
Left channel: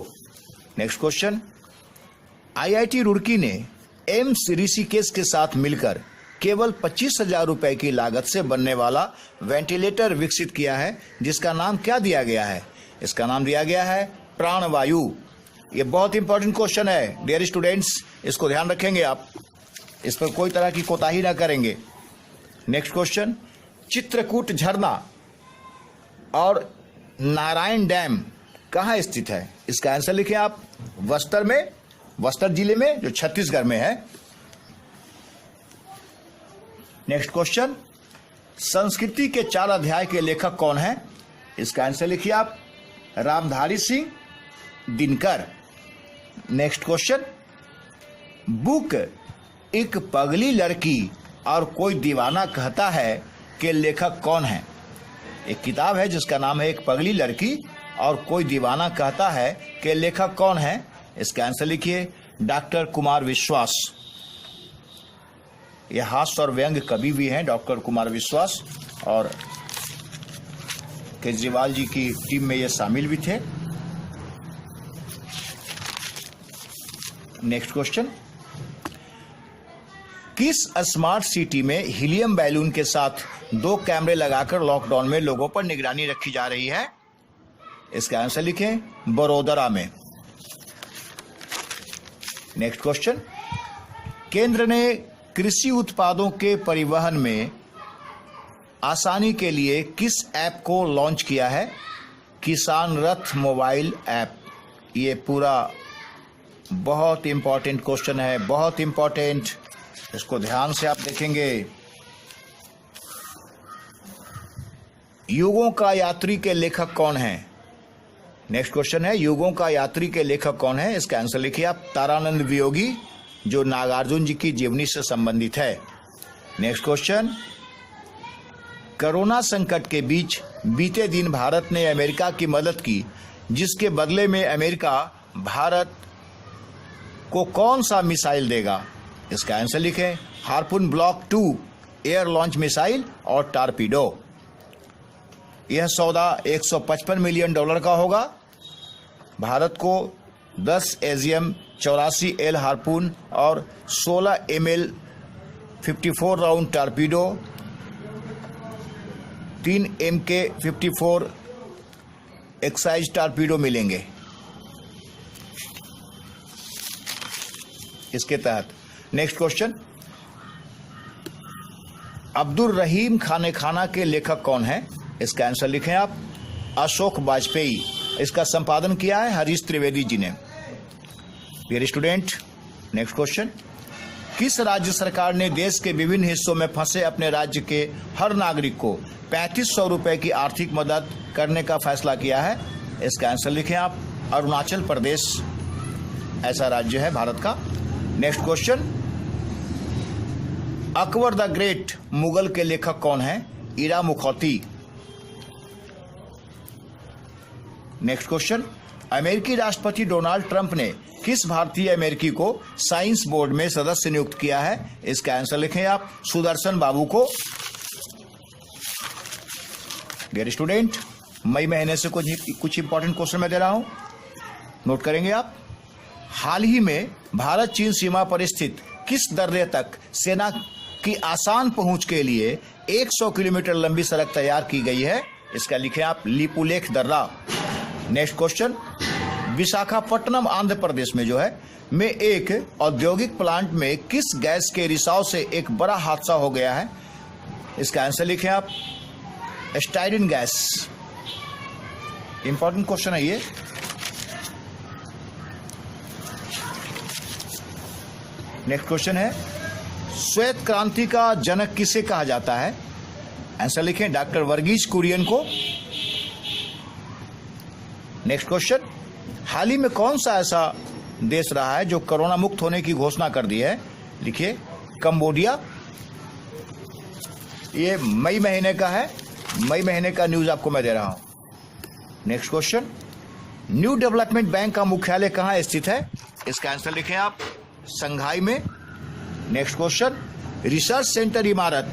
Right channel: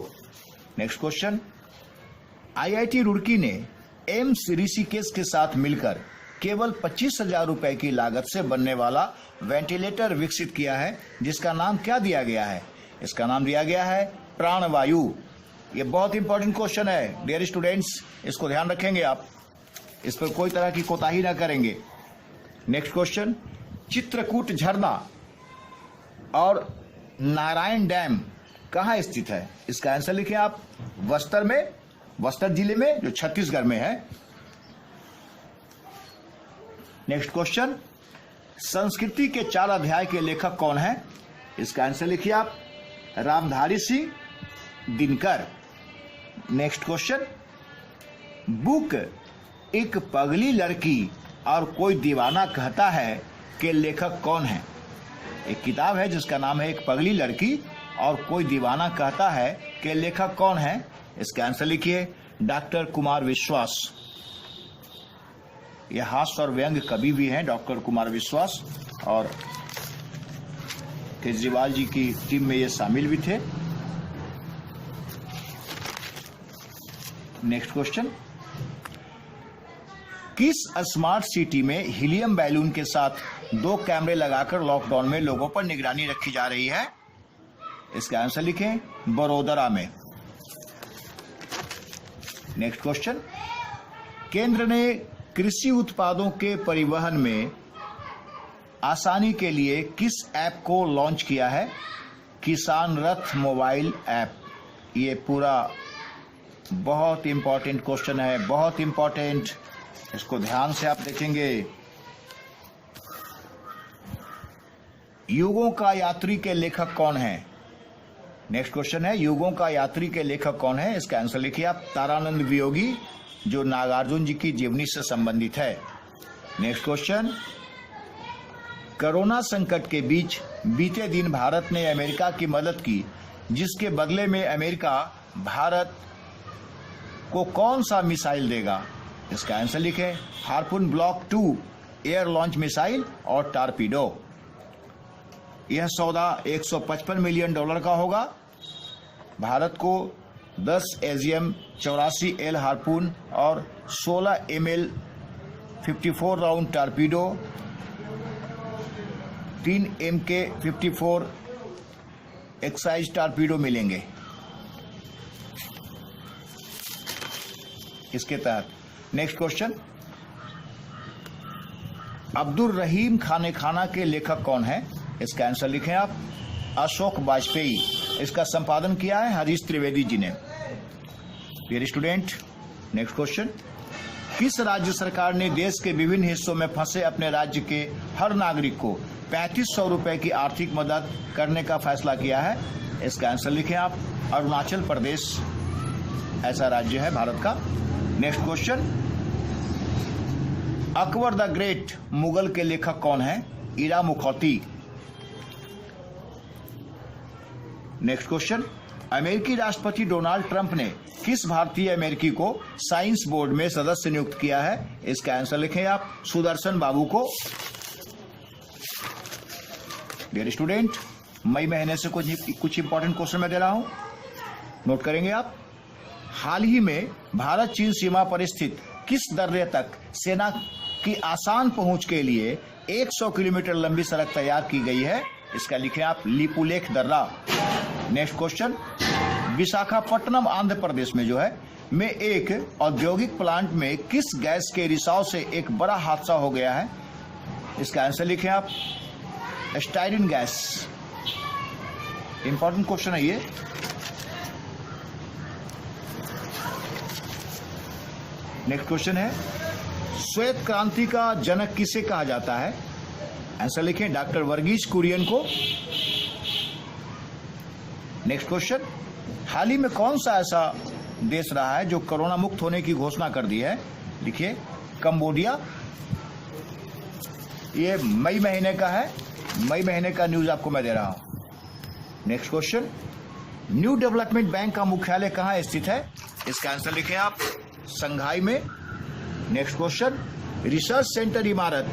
नेक्स्ट क्वेश्चन, IIT रुड़की ने एम्स ऋषिकेश के साथ मिलकर केवल 25,000 रुपए की लागत से बनने वाला वेंटिलेटर विकसित किया है, जिसका नाम क्या दिया गया है? इसका नाम दिया गया है प्राणवायु। ये बहुत इंपॉर्टेंट क्वेश्चन है डियर स्टूडेंट्स, इसको ध्यान रखेंगे आप, इस पर कोई तरह की कोताही ना करेंगे। नेक्स्ट क्वेश्चन, चित्रकूट झरना और नारायण डैम कहाँ स्थित है? इसका आंसर लिखें आप, बस्तर में, बस्तर जिले में, जो छत्तीसगढ़ में है। नेक्स्ट क्वेश्चन, संस्कृति के 4 अध्याय के लेखक कौन है? इसका आंसर लिखिए आप, Ramdhari Singh Dinkar. Next question, book एक पगली लड़की और कोई दीवाना कहता है के लेखक कौन है? एक किताब है जिसका नाम है एक पगली लड़की और कोई दीवाना कहता है के लेखक कौन है? इसका आंसर लिखिए, डॉक्टर कुमार विश्वास। यह हास्य और व्यंग कवि भी हैं डॉक्टर कुमार विश्वास, और केजरीवाल जी की टीम में ये शामिल भी थे। नेक्स्ट क्वेश्चन, किस स्मार्ट सिटी में हीलियम बैलून के साथ 2 कैमरे लगाकर लॉकडाउन में लोगों पर निगरानी रखी जा रही है? इसका आंसर लिखें, बड़ोदरा में। नेक्स्ट क्वेश्चन, केंद्र ने कृषि उत्पादों के परिवहन में आसानी के लिए किस ऐप को लॉन्च किया है? किसान रथ मोबाइल ऐप। ये पूरा बहुत इंपॉर्टेंट क्वेश्चन है, बहुत इंपॉर्टेंट, इसको ध्यान से आप देखेंगे। युगों का यात्री के लेखक कौन है? नेक्स्ट क्वेश्चन है, युगों का यात्री के लेखक कौन है? इसका आंसर लिखिए आप, तारानंद वियोगी, जो नागार्जुन जी की जीवनी से संबंधित है। नेक्स्ट क्वेश्चन, कोरोना संकट के बीच बीते दिन भारत ने अमेरिका की मदद की, जिसके बदले में अमेरिका भारत को कौन सा मिसाइल देगा? इसका आंसर लिखें, harpoon block 2 air launch missile और टारपीडो। यह सौदा $155 मिलियन का होगा। भारत को 10 AGM 84L हार्पून और 16 ml 54 round torpedo, 3 MK-54 excise torpedo मिलेंगे इसके तहत। नेक्स्ट क्वेश्चन, अब्दुल रहीम खाने खाना के लेखक कौन है? इसका आंसर लिखें आप, अशोक वाजपेयी। इसका संपादन किया है हरीश त्रिवेदी जी ने। डियर स्टूडेंट, नेक्स्ट क्वेश्चन, किस राज्य सरकार ने देश के विभिन्न हिस्सों में फंसे अपने राज्य के हर नागरिक को 3500 रुपए की आर्थिक मदद करने का फैसला किया है? इसका आंसर लिखें आप, अरुणाचल प्रदेश ऐसा राज्य है भारत का। Next question, Akbar the great Mughal के लेखक कौन है? ईरा मुखौती। नेक्स्ट क्वेश्चन, अमेरिकी राष्ट्रपति डोनाल्ड ट्रंप ने किस भारतीय अमेरिकी को साइंस बोर्ड में सदस्य नियुक्त किया है? इसका आंसर लिखें आप, सुदर्शन बाबू को। डियर स्टूडेंट, मई महीने से कुछ इंपॉर्टेंट क्वेश्चन मैं दे रहा हूं, नोट करेंगे आप। हाल ही में भारत चीन सीमा पर स्थित किस दर्रे तक सेना की आसान पहुंच के लिए 100 किलोमीटर लंबी सड़क तैयार की गई है? इसका लिखें आप, लिपुलेख दर्रा। नेक्स्ट क्वेश्चन, विशाखापट्टनम आंध्र प्रदेश में जो है में एक औद्योगिक प्लांट में किस गैस के रिसाव से एक बड़ा हादसा हो गया है? इसका आंसर लिखें आप, स्टाइरिन गैस। इंपॉर्टेंट क्वेश्चन है ये। नेक्स्ट क्वेश्चन है, श्वेत क्रांति का जनक किसे कहा जाता है? आंसर लिखें, डॉक्टर वर्गीज कुरियन को। नेक्स्ट क्वेश्चन, हाल ही में कौन सा ऐसा देश रहा है जो कोरोना मुक्त होने की घोषणा कर दी है? लिखिए, कंबोडिया। ये मई महीने का है, मई महीने का न्यूज आपको मैं दे रहा हूं। Next question, new development bank का मुख्यालय कहां स्थित है? इसका आंसर लिखें आप, संघाई में। नेक्स्ट क्वेश्चन, रिसर्च सेंटर इमारत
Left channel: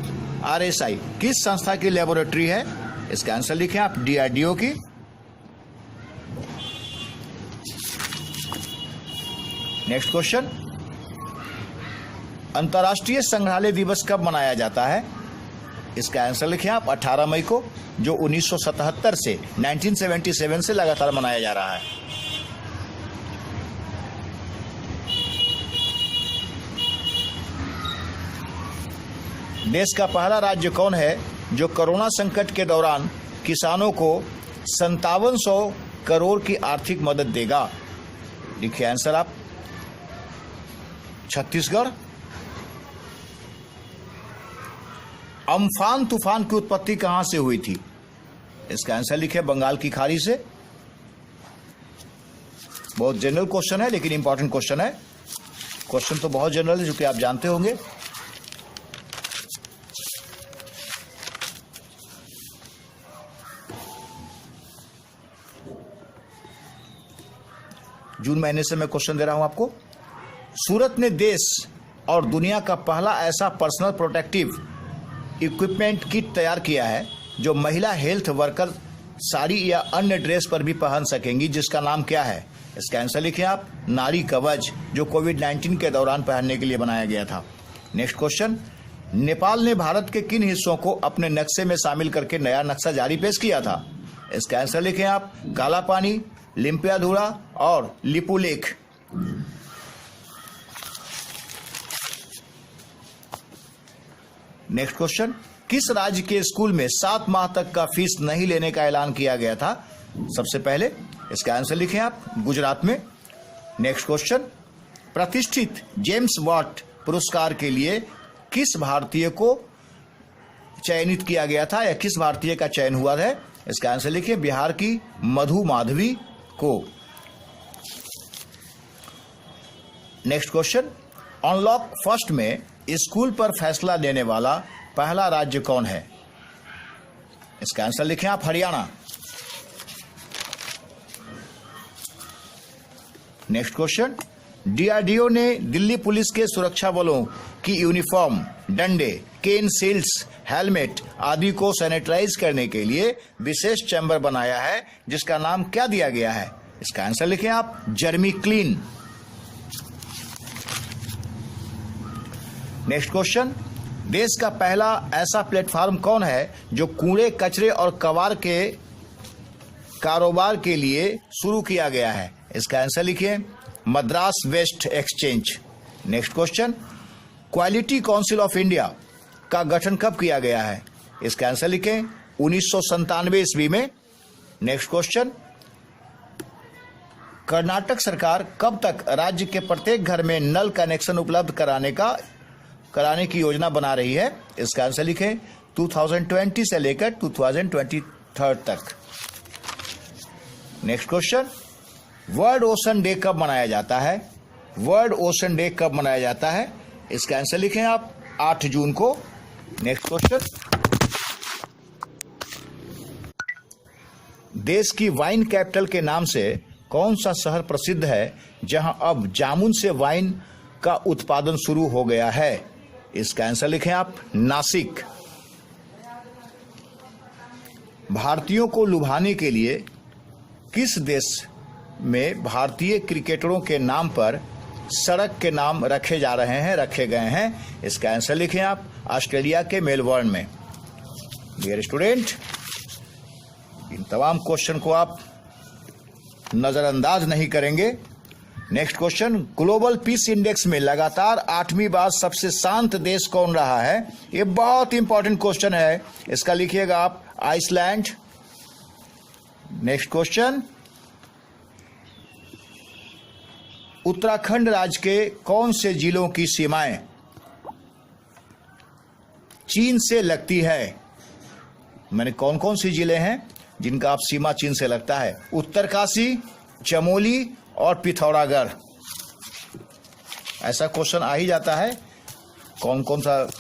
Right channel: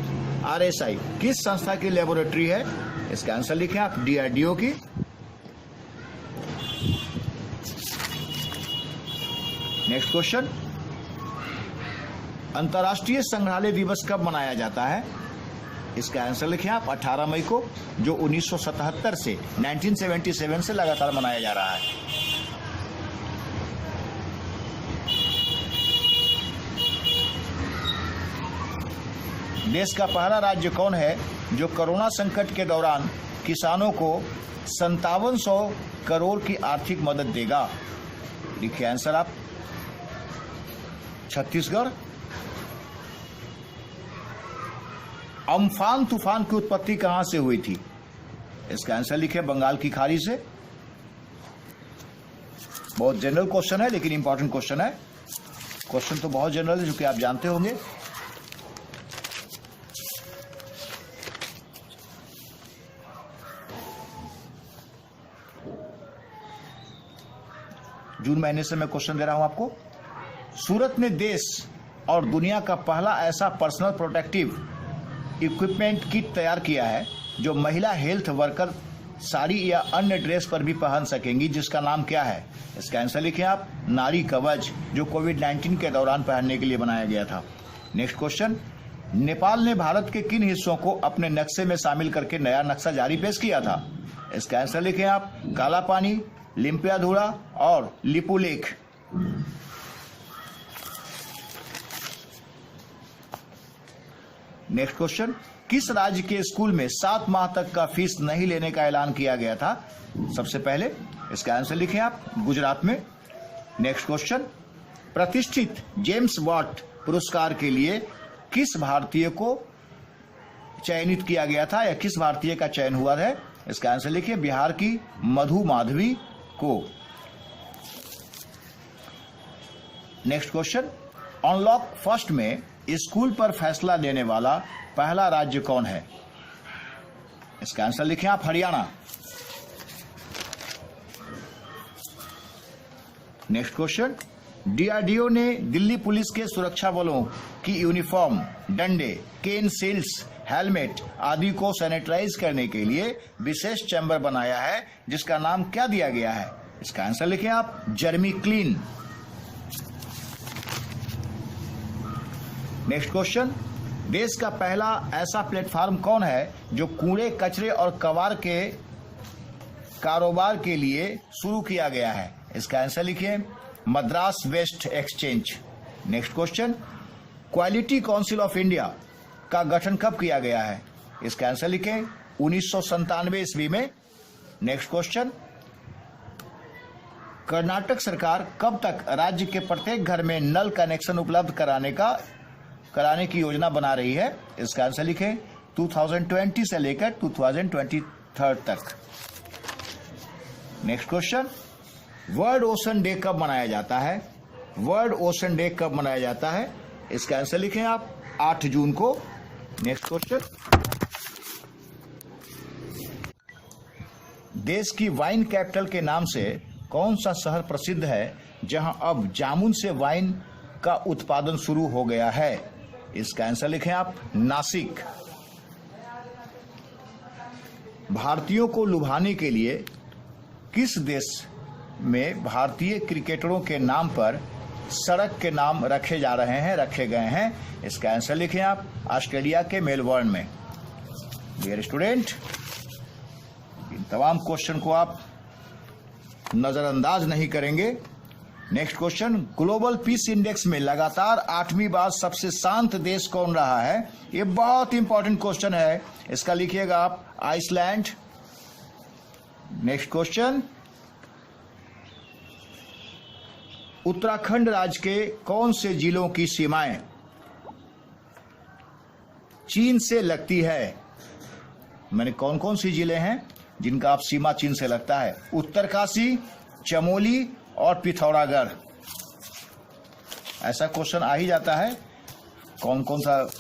RSI किस संस्था की लेबोरेटरी है? इसका आंसर लिखें आप, DRDO की। नेक्स्ट क्वेश्चन, अंतर्राष्ट्रीय संग्रहालय दिवस कब मनाया जाता है? इसका आंसर लिखें आप, 18 मई को, जो 1977 से 1977 से लगातार मनाया जा रहा है। देश का पहला राज्य कौन है जो कोरोना संकट के दौरान किसानों को 5700 करोड़ की आर्थिक मदद देगा? लिखिए आंसर आप, छत्तीसगढ़। अम्फान तूफान की उत्पत्ति कहां से हुई थी? इसका आंसर लिखे, बंगाल की खाड़ी से। बहुत जनरल क्वेश्चन है लेकिन इंपॉर्टेंट क्वेश्चन है। क्वेश्चन तो बहुत जनरल है जो कि आप जानते होंगे। जून महीने से मैं क्वेश्चन दे रहा हूं आपको। सूरत ने देश और दुनिया का पहला ऐसा पर्सनल प्रोटेक्टिव इक्विपमेंट किट तैयार किया है जो महिला हेल्थ वर्कर साड़ी या अन्य ड्रेस पर भी पहन सकेंगी, जिसका नाम क्या है? इसका आंसर लिखें आप, नारी कवच, जो कोविड-19 के दौरान पहनने के लिए बनाया गया था। नेक्स्ट क्वेश्चन, नेपाल ने भारत के किन हिस्सों को अपने नक्शे में शामिल करके नया नक्शा जारी पेश किया था? इसका आंसर लिखें आप, काला पानी, लिम्पियाधुरा और लिपुलेख। नेक्स्ट क्वेश्चन, किस राज्य के स्कूल में 7 माह तक का फीस नहीं लेने का ऐलान किया गया था सबसे पहले? इसका आंसर लिखें आप, गुजरात में। नेक्स्ट क्वेश्चन, प्रतिष्ठित जेम्स वाट पुरस्कार के लिए किस भारतीय को चयनित किया गया था या किस भारतीय का चयन हुआ है? इसका आंसर लिखिए, बिहार की मधु माधवी को। नेक्स्ट क्वेश्चन, अनलॉक फर्स्ट में स्कूल पर फैसला लेने वाला पहला राज्य कौन है? इसका आंसर लिखें आप, हरियाणा। नेक्स्ट क्वेश्चन, DRDO ने दिल्ली पुलिस के सुरक्षा बलों की यूनिफॉर्म, डंडे, केन सील्स, हेलमेट आदि को सैनिटाइज करने के लिए विशेष चैम्बर बनाया है, जिसका नाम क्या दिया गया है? इसका आंसर लिखें आप, जर्मी क्लीन। नेक्स्ट क्वेश्चन, देश का पहला ऐसा प्लेटफॉर्म कौन है जो कूड़े कचरे और कबाड़ के कारोबार के लिए शुरू किया गया है? इसका आंसर लिखिए, Madras west exchange. Next question, quality council of India का गठन कब किया गया है? इसका आंसर लिखें, 1997 ईस्वी में। नेक्स्ट क्वेश्चन, कर्नाटक सरकार कब तक राज्य के प्रत्येक घर में नल कनेक्शन उपलब्ध कराने की योजना बना रही है? इसका आंसर लिखें, 2020 से लेकर 2023 तक। Next question, world ocean day कब मनाया जाता है? वर्ल्ड ओशन डे कब मनाया जाता है? इसका आंसर लिखें आप, 8 जून को। नेक्स्ट क्वेश्चन, देश की वाइन कैपिटल के नाम से कौन सा शहर प्रसिद्ध है जहां अब जामुन से वाइन का उत्पादन शुरू हो गया है? इसका आंसर लिखें आप, नासिक। भारतीयों को लुभाने के लिए किस देश में भारतीय क्रिकेटरों के नाम पर सड़क के नाम रखे गए हैं? इसका आंसर लिखें आप, ऑस्ट्रेलिया के मेलबर्न में। डियर स्टूडेंट, इन तमाम क्वेश्चन को आप नजरअंदाज नहीं करेंगे। Next question, global peace index में लगातार 8वीं बार सबसे शांत देश कौन रहा है? ये बहुत इंपॉर्टेंट क्वेश्चन है, इसका लिखिएगा आप, आइसलैंड। नेक्स्ट क्वेश्चन, उत्तराखंड राज्य के कौन से जिलों की सीमाएं चीन से लगती है? मैंने कौन कौन सी जिले हैं जिनका आप सीमा चीन से लगता है? उत्तरकाशी, चमोली और पिथौरागढ़। ऐसा क्वेश्चन आ ही जाता है, कौन कौन सा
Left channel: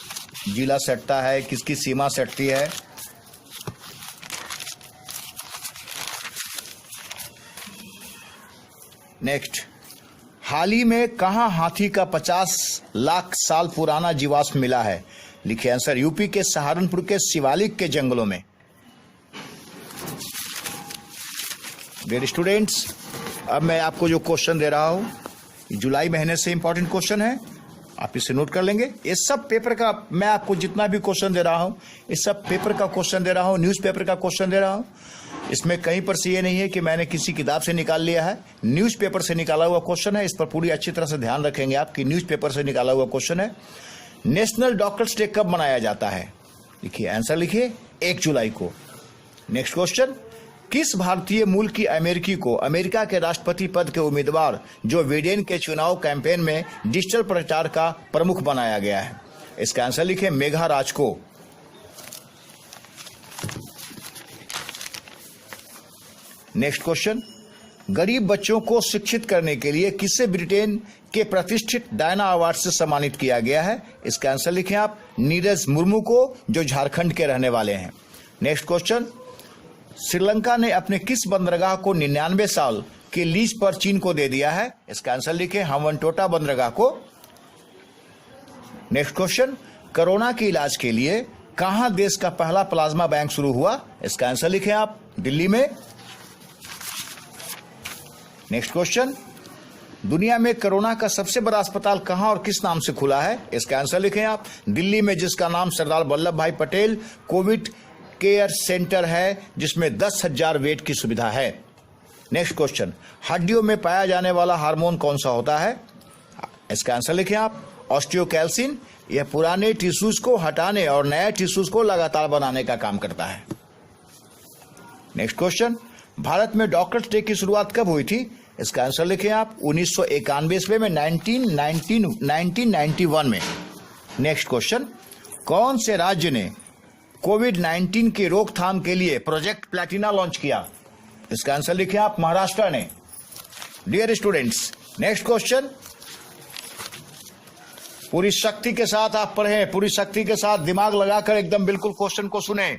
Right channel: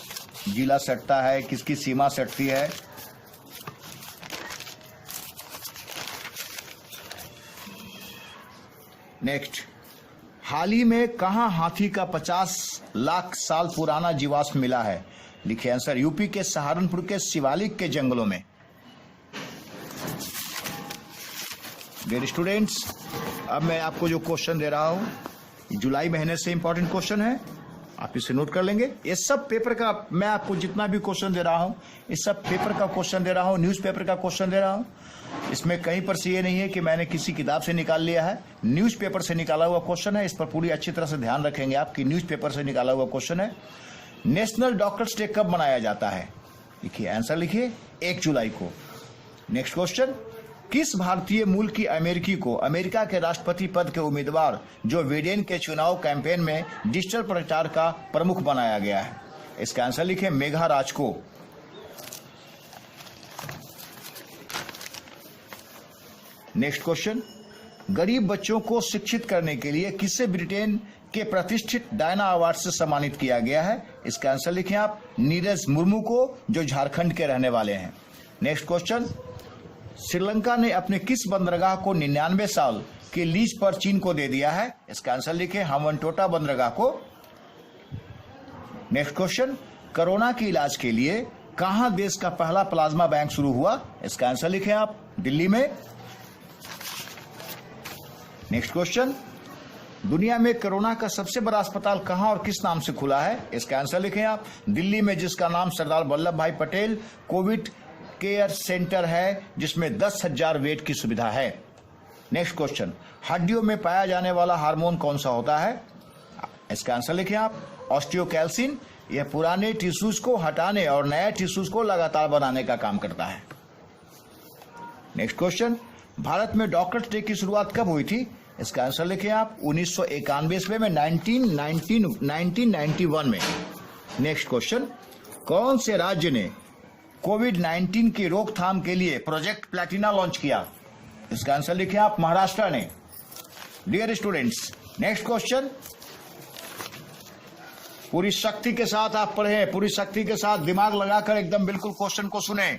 जिला सटता है, किसकी सीमा सटती है। नेक्स्ट, हाल ही में कहां हाथी का 50 लाख साल पुराना जीवाश्म मिला है? लिखिए आंसर, यूपी के सहारनपुर के शिवालिक के जंगलों में। डियर स्टूडेंट्स, अब मैं आपको जो क्वेश्चन दे रहा हूं, जुलाई महीने से इंपॉर्टेंट क्वेश्चन है, आप इसे नोट कर लेंगे। ये सब पेपर का, मैं आपको जितना भी क्वेश्चन दे रहा हूं, इस सब पेपर का क्वेश्चन दे रहा हूं, न्यूज़पेपर का क्वेश्चन दे रहा हूं। इसमें कहीं पर से ये नहीं है कि मैंने किसी किताब से निकाल लिया है, न्यूज़पेपर से निकाला हुआ क्वेश्चन है। इस पर पूरी अच्छी तरह से ध्यान रखेंगे आप कि न्यूज़पेपर से निकाला हुआ क्वेश्चन है। नेशनल डॉक्टर्स डे कब मनाया जाता है? लिखिए आंसर, लिखिए 1 जुलाई को। नेक्स्ट क्वेश्चन, किस भारतीय मूल की अमेरिकी को अमेरिका के राष्ट्रपति पद के उम्मीदवार जो बिडेन के चुनाव कैंपेन में डिजिटल प्रचार का प्रमुख बनाया गया है? इसका आंसर लिखें, मेघा राज को। नेक्स्ट क्वेश्चन, गरीब बच्चों को शिक्षित करने के लिए किसे ब्रिटेन के प्रतिष्ठित डायना अवार्ड से सम्मानित किया गया है? इसका आंसर लिखें आप, नीरज मुर्मू को, जो झारखंड के रहने वाले हैं। नेक्स्ट क्वेश्चन, श्रीलंका ने अपने किस बंदरगाह को 99 साल के लीज पर चीन को दे दिया है? इसका आंसर लिखें, हम्बनटोटा बंदरगाह को। नेक्स्ट क्वेश्चन, कोरोना के इलाज के लिए कहां देश का पहला प्लाज्मा बैंक शुरू हुआ? इसका आंसर लिखें आप, दिल्ली में। नेक्स्ट क्वेश्चन, दुनिया में कोरोना का सबसे बड़ा अस्पताल कहां और किस नाम से खुला है? इसका आंसर लिखें आप, दिल्ली में, जिसका नाम सरदार वल्लभ भाई पटेल कोविड केयर सेंटर है, जिसमें 10,000 बेड की सुविधा है। नेक्स्ट क्वेश्चन, हड्डियों में पाया जाने वाला हार्मोन कौन सा होता है? इसका आंसर लिखें आप, ऑस्टियोकैल्सिन। यह पुराने टिश्यूज को हटाने और नए टिश्यूज को लगातार बनाने का काम करता है। नेक्स्ट क्वेश्चन, भारत में डॉक्टर्स डे की शुरुआत कब हुई थी? इसका आंसर लिखें आप, 1991 में, 1991 में। नेक्स्ट क्वेश्चन, कौन से राज्य ने कोविड-19 की रोकथाम के लिए प्रोजेक्ट प्लैटिना लॉन्च किया? इसका आंसर लिखें आप, महाराष्ट्र ने। डियर स्टूडेंट्स, नेक्स्ट क्वेश्चन, पूरी शक्ति के साथ आप पढ़ें, पूरी शक्ति के साथ दिमाग लगाकर एकदम बिल्कुल क्वेश्चन को सुने।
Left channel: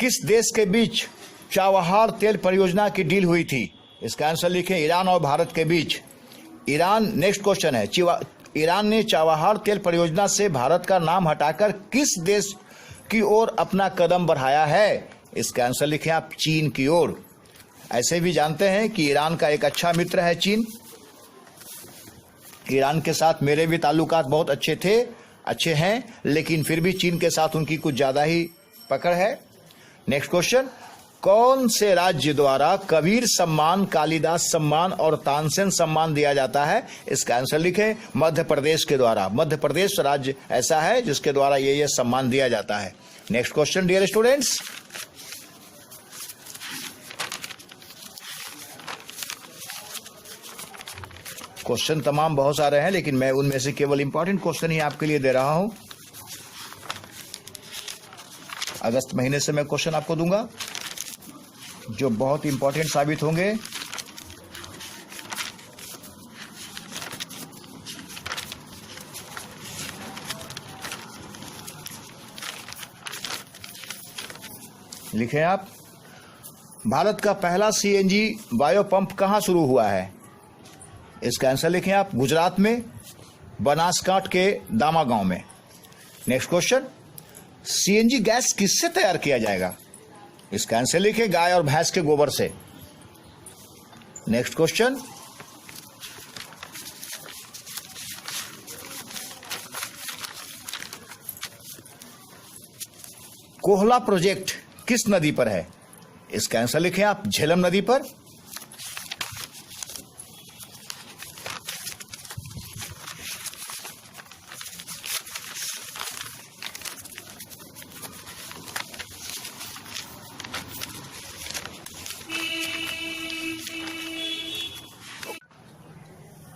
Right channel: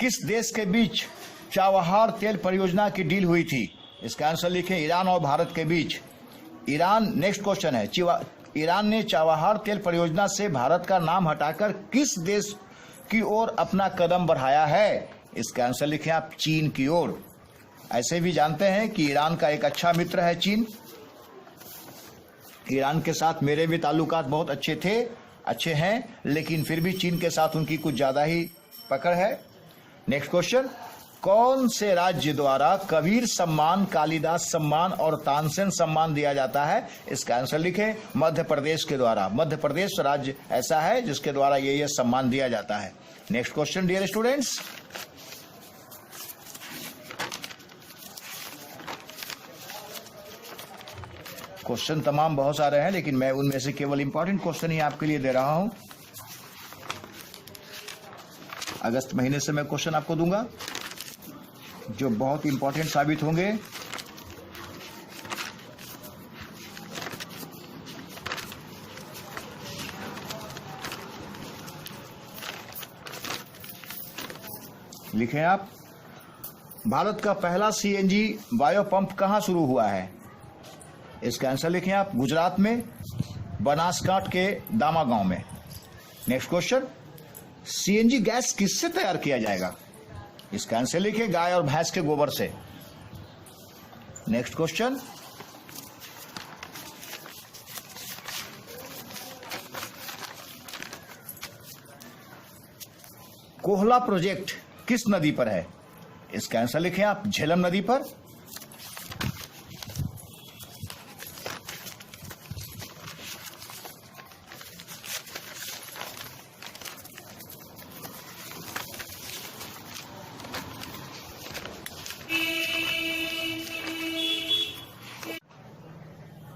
किस देश के बीच चाबहार तेल परियोजना की डील हुई थी? इसका आंसर लिखें, ईरान और भारत के बीच। ईरान, नेक्स्ट क्वेश्चन है, ईरान ने चाबहार तेल परियोजना से भारत का नाम हटाकर किस देश की ओर अपना कदम बढ़ाया है? इसका आंसर लिखें आप, चीन की ओर। ऐसे भी जानते हैं कि ईरान का एक अच्छा मित्र है चीन। ईरान के साथ मेरे भी ताल्लुकात बहुत अच्छे थे अच्छे हैं, लेकिन फिर भी चीन के साथ उनकी कुछ ज्यादा ही पकड़ है। नेक्स्ट क्वेश्चन, कौन से राज्य द्वारा कबीर सम्मान, कालिदास सम्मान और तानसेन सम्मान दिया जाता है? इसका आंसर लिखें, मध्य प्रदेश के द्वारा। मध्य प्रदेश राज्य ऐसा है जिसके द्वारा ये सम्मान दिया जाता है। Next question dear students, question तमाम बहुत सारे हैं, लेकिन मैं उनमें से केवल इंपॉर्टेंट क्वेश्चन ही आपके लिए दे रहा हूं। अगस्त महीने से मैं क्वेश्चन आपको दूंगा जो बहुत इंपॉर्टेंट साबित होंगे। लिखें आप, भारत का पहला सीएनजी बायो पंप कहां शुरू हुआ है? इसका आंसर लिखें आप, गुजरात में, बनासकांठा के दामा गांव में। नेक्स्ट क्वेश्चन, सीएनजी गैस किससे तैयार किया जाएगा? इसका आंसर लिखें, गाय और भैंस के गोबर से। नेक्स्ट क्वेश्चन, कोहला प्रोजेक्ट किस नदी पर है? इसका आंसर लिखें आप, झेलम नदी पर।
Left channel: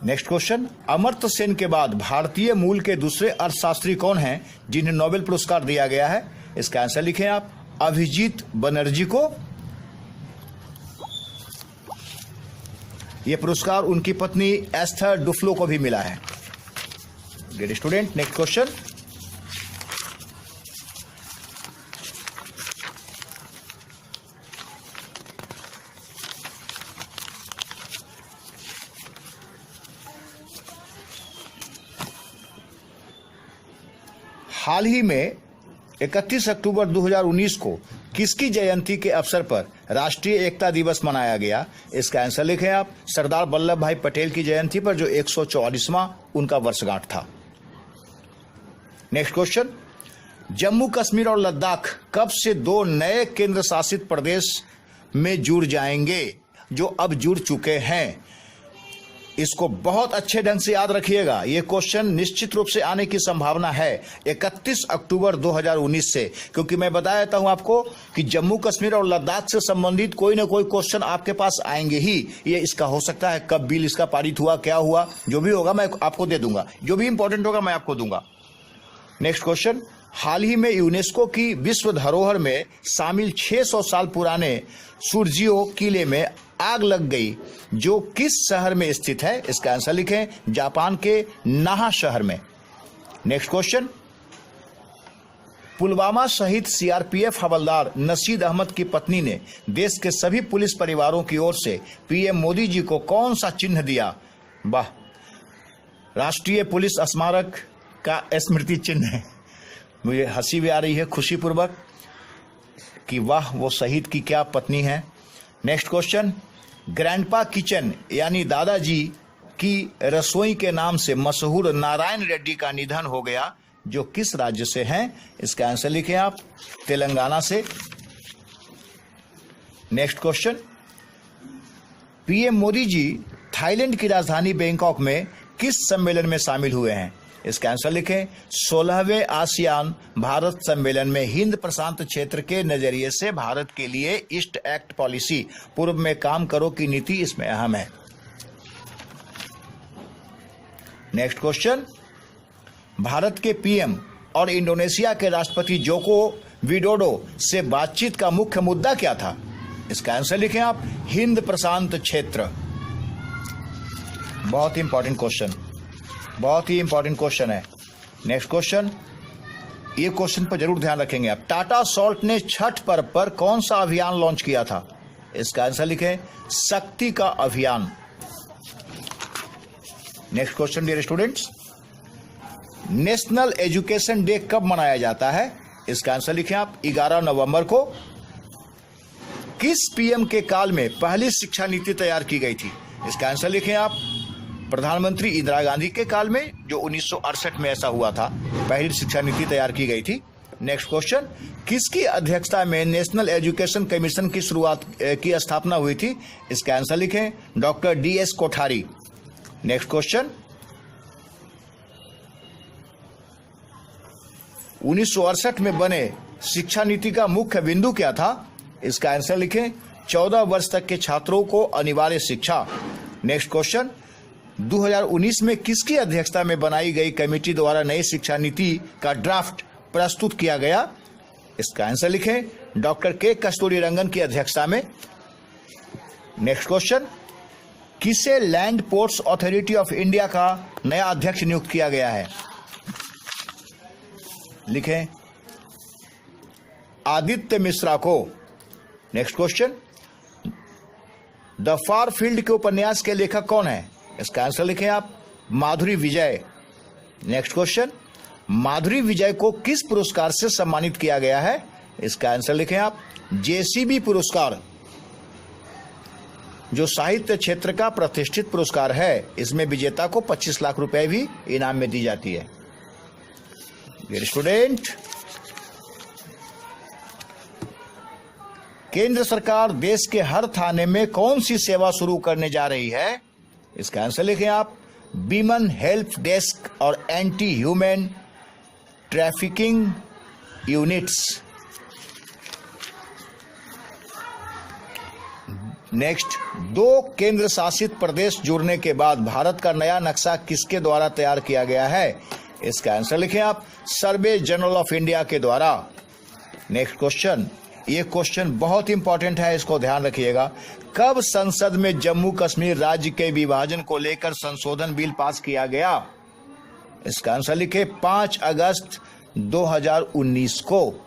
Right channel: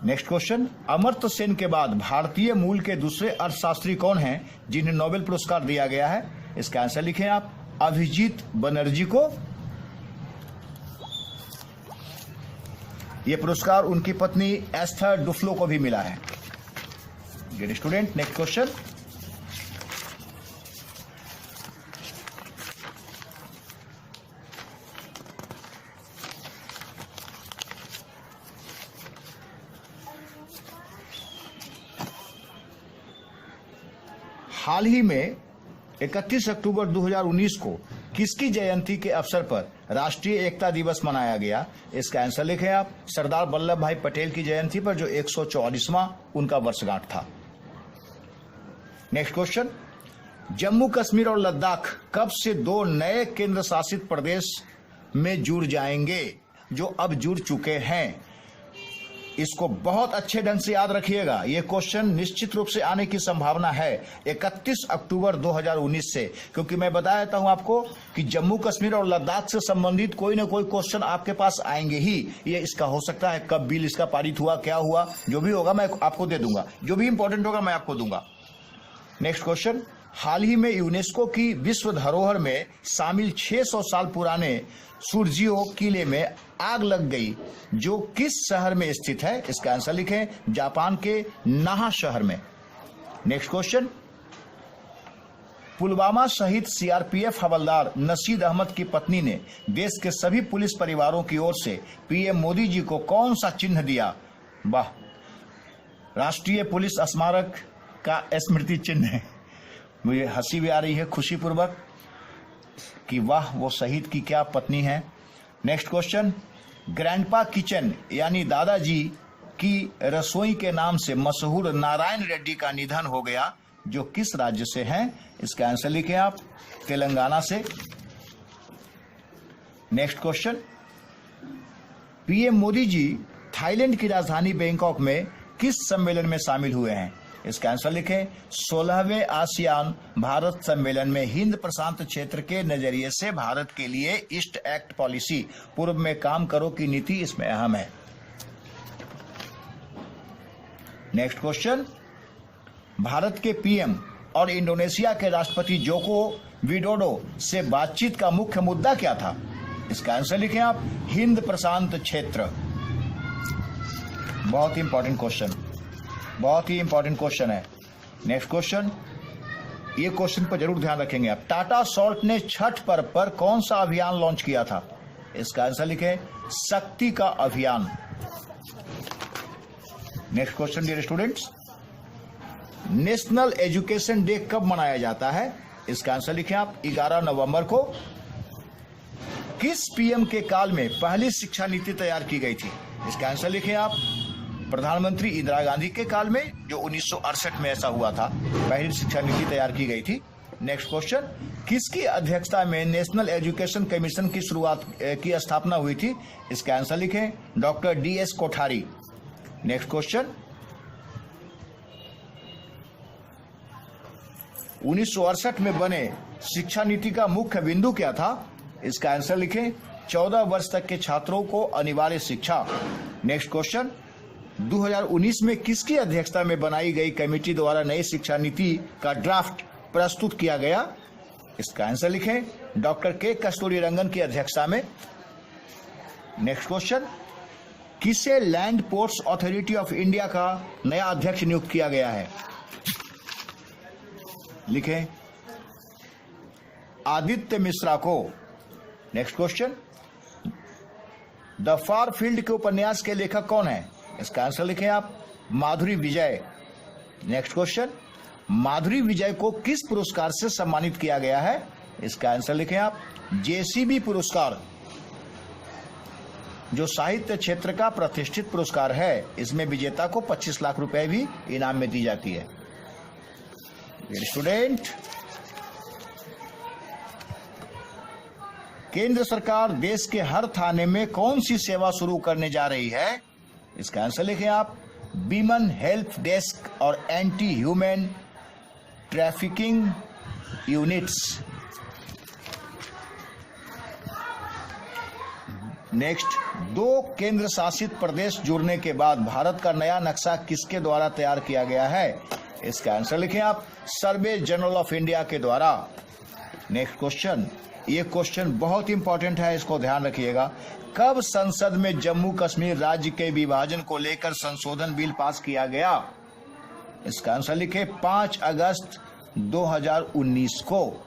नेक्स्ट क्वेश्चन, अमर्त्य सेन के बाद भारतीय मूल के दूसरे अर्थशास्त्री कौन हैं जिन्हें नोबेल पुरस्कार दिया गया है? इसका आंसर लिखें आप, अभिजीत बनर्जी को। यह पुरस्कार उनकी पत्नी एस्थर डुफ्लो को भी मिला है। डियर स्टूडेंट, नेक्स्ट क्वेश्चन, हाल ही में 31 अक्टूबर 2019 को किसकी जयंती के अवसर पर राष्ट्रीय एकता दिवस मनाया गया? इसका आंसर लिखें आप, सरदार वल्लभ भाई पटेल की जयंती पर, जो 144वां उनका वर्षगांठ था। नेक्स्ट क्वेश्चन, जम्मू कश्मीर और लद्दाख कब से दो नए केंद्र शासित प्रदेश में जुड़ जाएंगे, जो अब जुड़ चुके हैं? इसको बहुत अच्छे ढंग से याद रखिएगा, यह क्वेश्चन निश्चित रूप से आने की संभावना है 31 अक्टूबर 2019 से, क्योंकि मैं बता देता हूं आपको कि जम्मू कश्मीर और लद्दाख से संबंधित कोई ना कोई क्वेश्चन आपके पास आएंगे ही। ये इसका हो सकता है कब बिल इसका पारित हुआ, क्या हुआ, जो भी होगा मैं आपको दे दूंगा, जो भी इंपॉर्टेंट होगा मैं आपको दूंगा। नेक्स्ट क्वेश्चन, हाल ही में यूनेस्को की विश्व धरोहर में शामिल 600 साल पुराने सुर्जियो किले में आग लग गई, जो किस शहर में स्थित है? इसका आंसर लिखें, जापान के नाहा शहर में। नेक्स्ट क्वेश्चन, पुलवामा शहीद सीआरपीएफ हवलदार नशीद अहमद की पत्नी ने देश के सभी पुलिस परिवारों की ओर से पीएम मोदी जी को कौन सा चिन्ह दिया? वाह, राष्ट्रीय पुलिस स्मारक का स्मृति चिन्ह है। मुझे हंसी भी आ रही है खुशी पूर्वक कि वाह, वो शहीद की क्या पत्नी है। नेक्स्ट क्वेश्चन, ग्रैंडपा किचन यानी दादाजी की रसोई के नाम से मशहूर नारायण रेड्डी का निधन हो गया, जो किस राज्य से हैं? इसका आंसर लिखें आप, तेलंगाना से। नेक्स्ट क्वेश्चन, पीएम मोदी जी थाईलैंड की राजधानी बैंकॉक में किस सम्मेलन में शामिल हुए हैं? इसका आंसर लिखें, 16वें आसियान भारत सम्मेलन में। हिंद प्रशांत क्षेत्र के नजरिए से भारत के लिए ईस्ट एक्ट पॉलिसी, पूर्व में काम करो की नीति इसमें अहम है। नेक्स्ट क्वेश्चन, भारत के पीएम और इंडोनेशिया के राष्ट्रपति जोको विडोडो से बातचीत का मुख्य मुद्दा क्या था? इसका आंसर लिखें आप, हिंद प्रशांत क्षेत्र। बहुत ही इंपॉर्टेंट क्वेश्चन, बहुत ही इंपॉर्टेंट क्वेश्चन है। नेक्स्ट क्वेश्चन, ये क्वेश्चन पर जरूर ध्यान रखेंगे आप। टाटा सॉल्ट ने छठ पर्व पर कौन सा अभियान लॉन्च किया था? इसका आंसर लिखें, शक्ति का अभियान। Next question dear students, national education day कब मनाया जाता है? इसका आंसर लिखें आप, 11 नवंबर को। किस पीएम के काल में पहली शिक्षा नीति तैयार की गई थी? इसका आंसर लिखें आप, प्रधानमंत्री इंदिरा गांधी के काल में, जो 1968 में ऐसा हुआ था, पहली शिक्षा नीति तैयार की गई थी। नेक्स्ट क्वेश्चन, किसकी अध्यक्षता में नेशनल एजुकेशन कमीशन की की स्थापना हुई थी? इसका आंसर लिखें, doctor DS Kothari. Next question, 1968 में बने शिक्षा नीति का मुख्य बिंदु क्या था? इसका आंसर लिखें, 14 वर्ष तक के छात्रों को अनिवार्य शिक्षा। नेक्स्ट क्वेश्चन, 2019 में किसकी अध्यक्षता में बनाई गई कमेटी द्वारा नई शिक्षा नीति का ड्राफ्ट प्रस्तुत किया गया? इसका आंसर लिखें, डॉक्टर के कस्तूरीरंगन की अध्यक्षता में। नेक्स्ट क्वेश्चन, किसे land ports authority of India का नया अध्यक्ष नियुक्त किया गया है? लिखें, आदित्य मिश्रा को। Next question, the far field के उपन्यास के लेखक कौन है? इसका आंसर लिखें आप, माधुरी विजय। नेक्स्ट क्वेश्चन, माधुरी विजय को किस पुरस्कार से सम्मानित किया गया है? इसका आंसर लिखें आप, JCB पुरस्कार, जो साहित्य क्षेत्र का प्रतिष्ठित पुरस्कार है। इसमें विजेता को 25 लाख रुपए भी इनाम में दी जाती है। डियर स्टूडेंट, केंद्र सरकार देश के हर थाने में कौन सी सेवा शुरू करने जा रही है? इसका आंसर लिखें आप, वीमेन हेल्प डेस्क और anti human trafficking units. Next, 2 केंद्र शासित प्रदेश जुड़ने के बाद भारत का नया नक्शा किसके द्वारा तैयार किया गया है? इसका आंसर लिखें आप, सर्वे जनरल ऑफ इंडिया के द्वारा। नेक्स्ट क्वेश्चन, ये क्वेश्चन बहुत इंपॉर्टेंट है, इसको ध्यान रखिएगा। कब संसद में जम्मू कश्मीर राज्य के विभाजन को लेकर संशोधन बिल पास किया गया? इसका आंसर लिखें, 5 अगस्त 2019 को।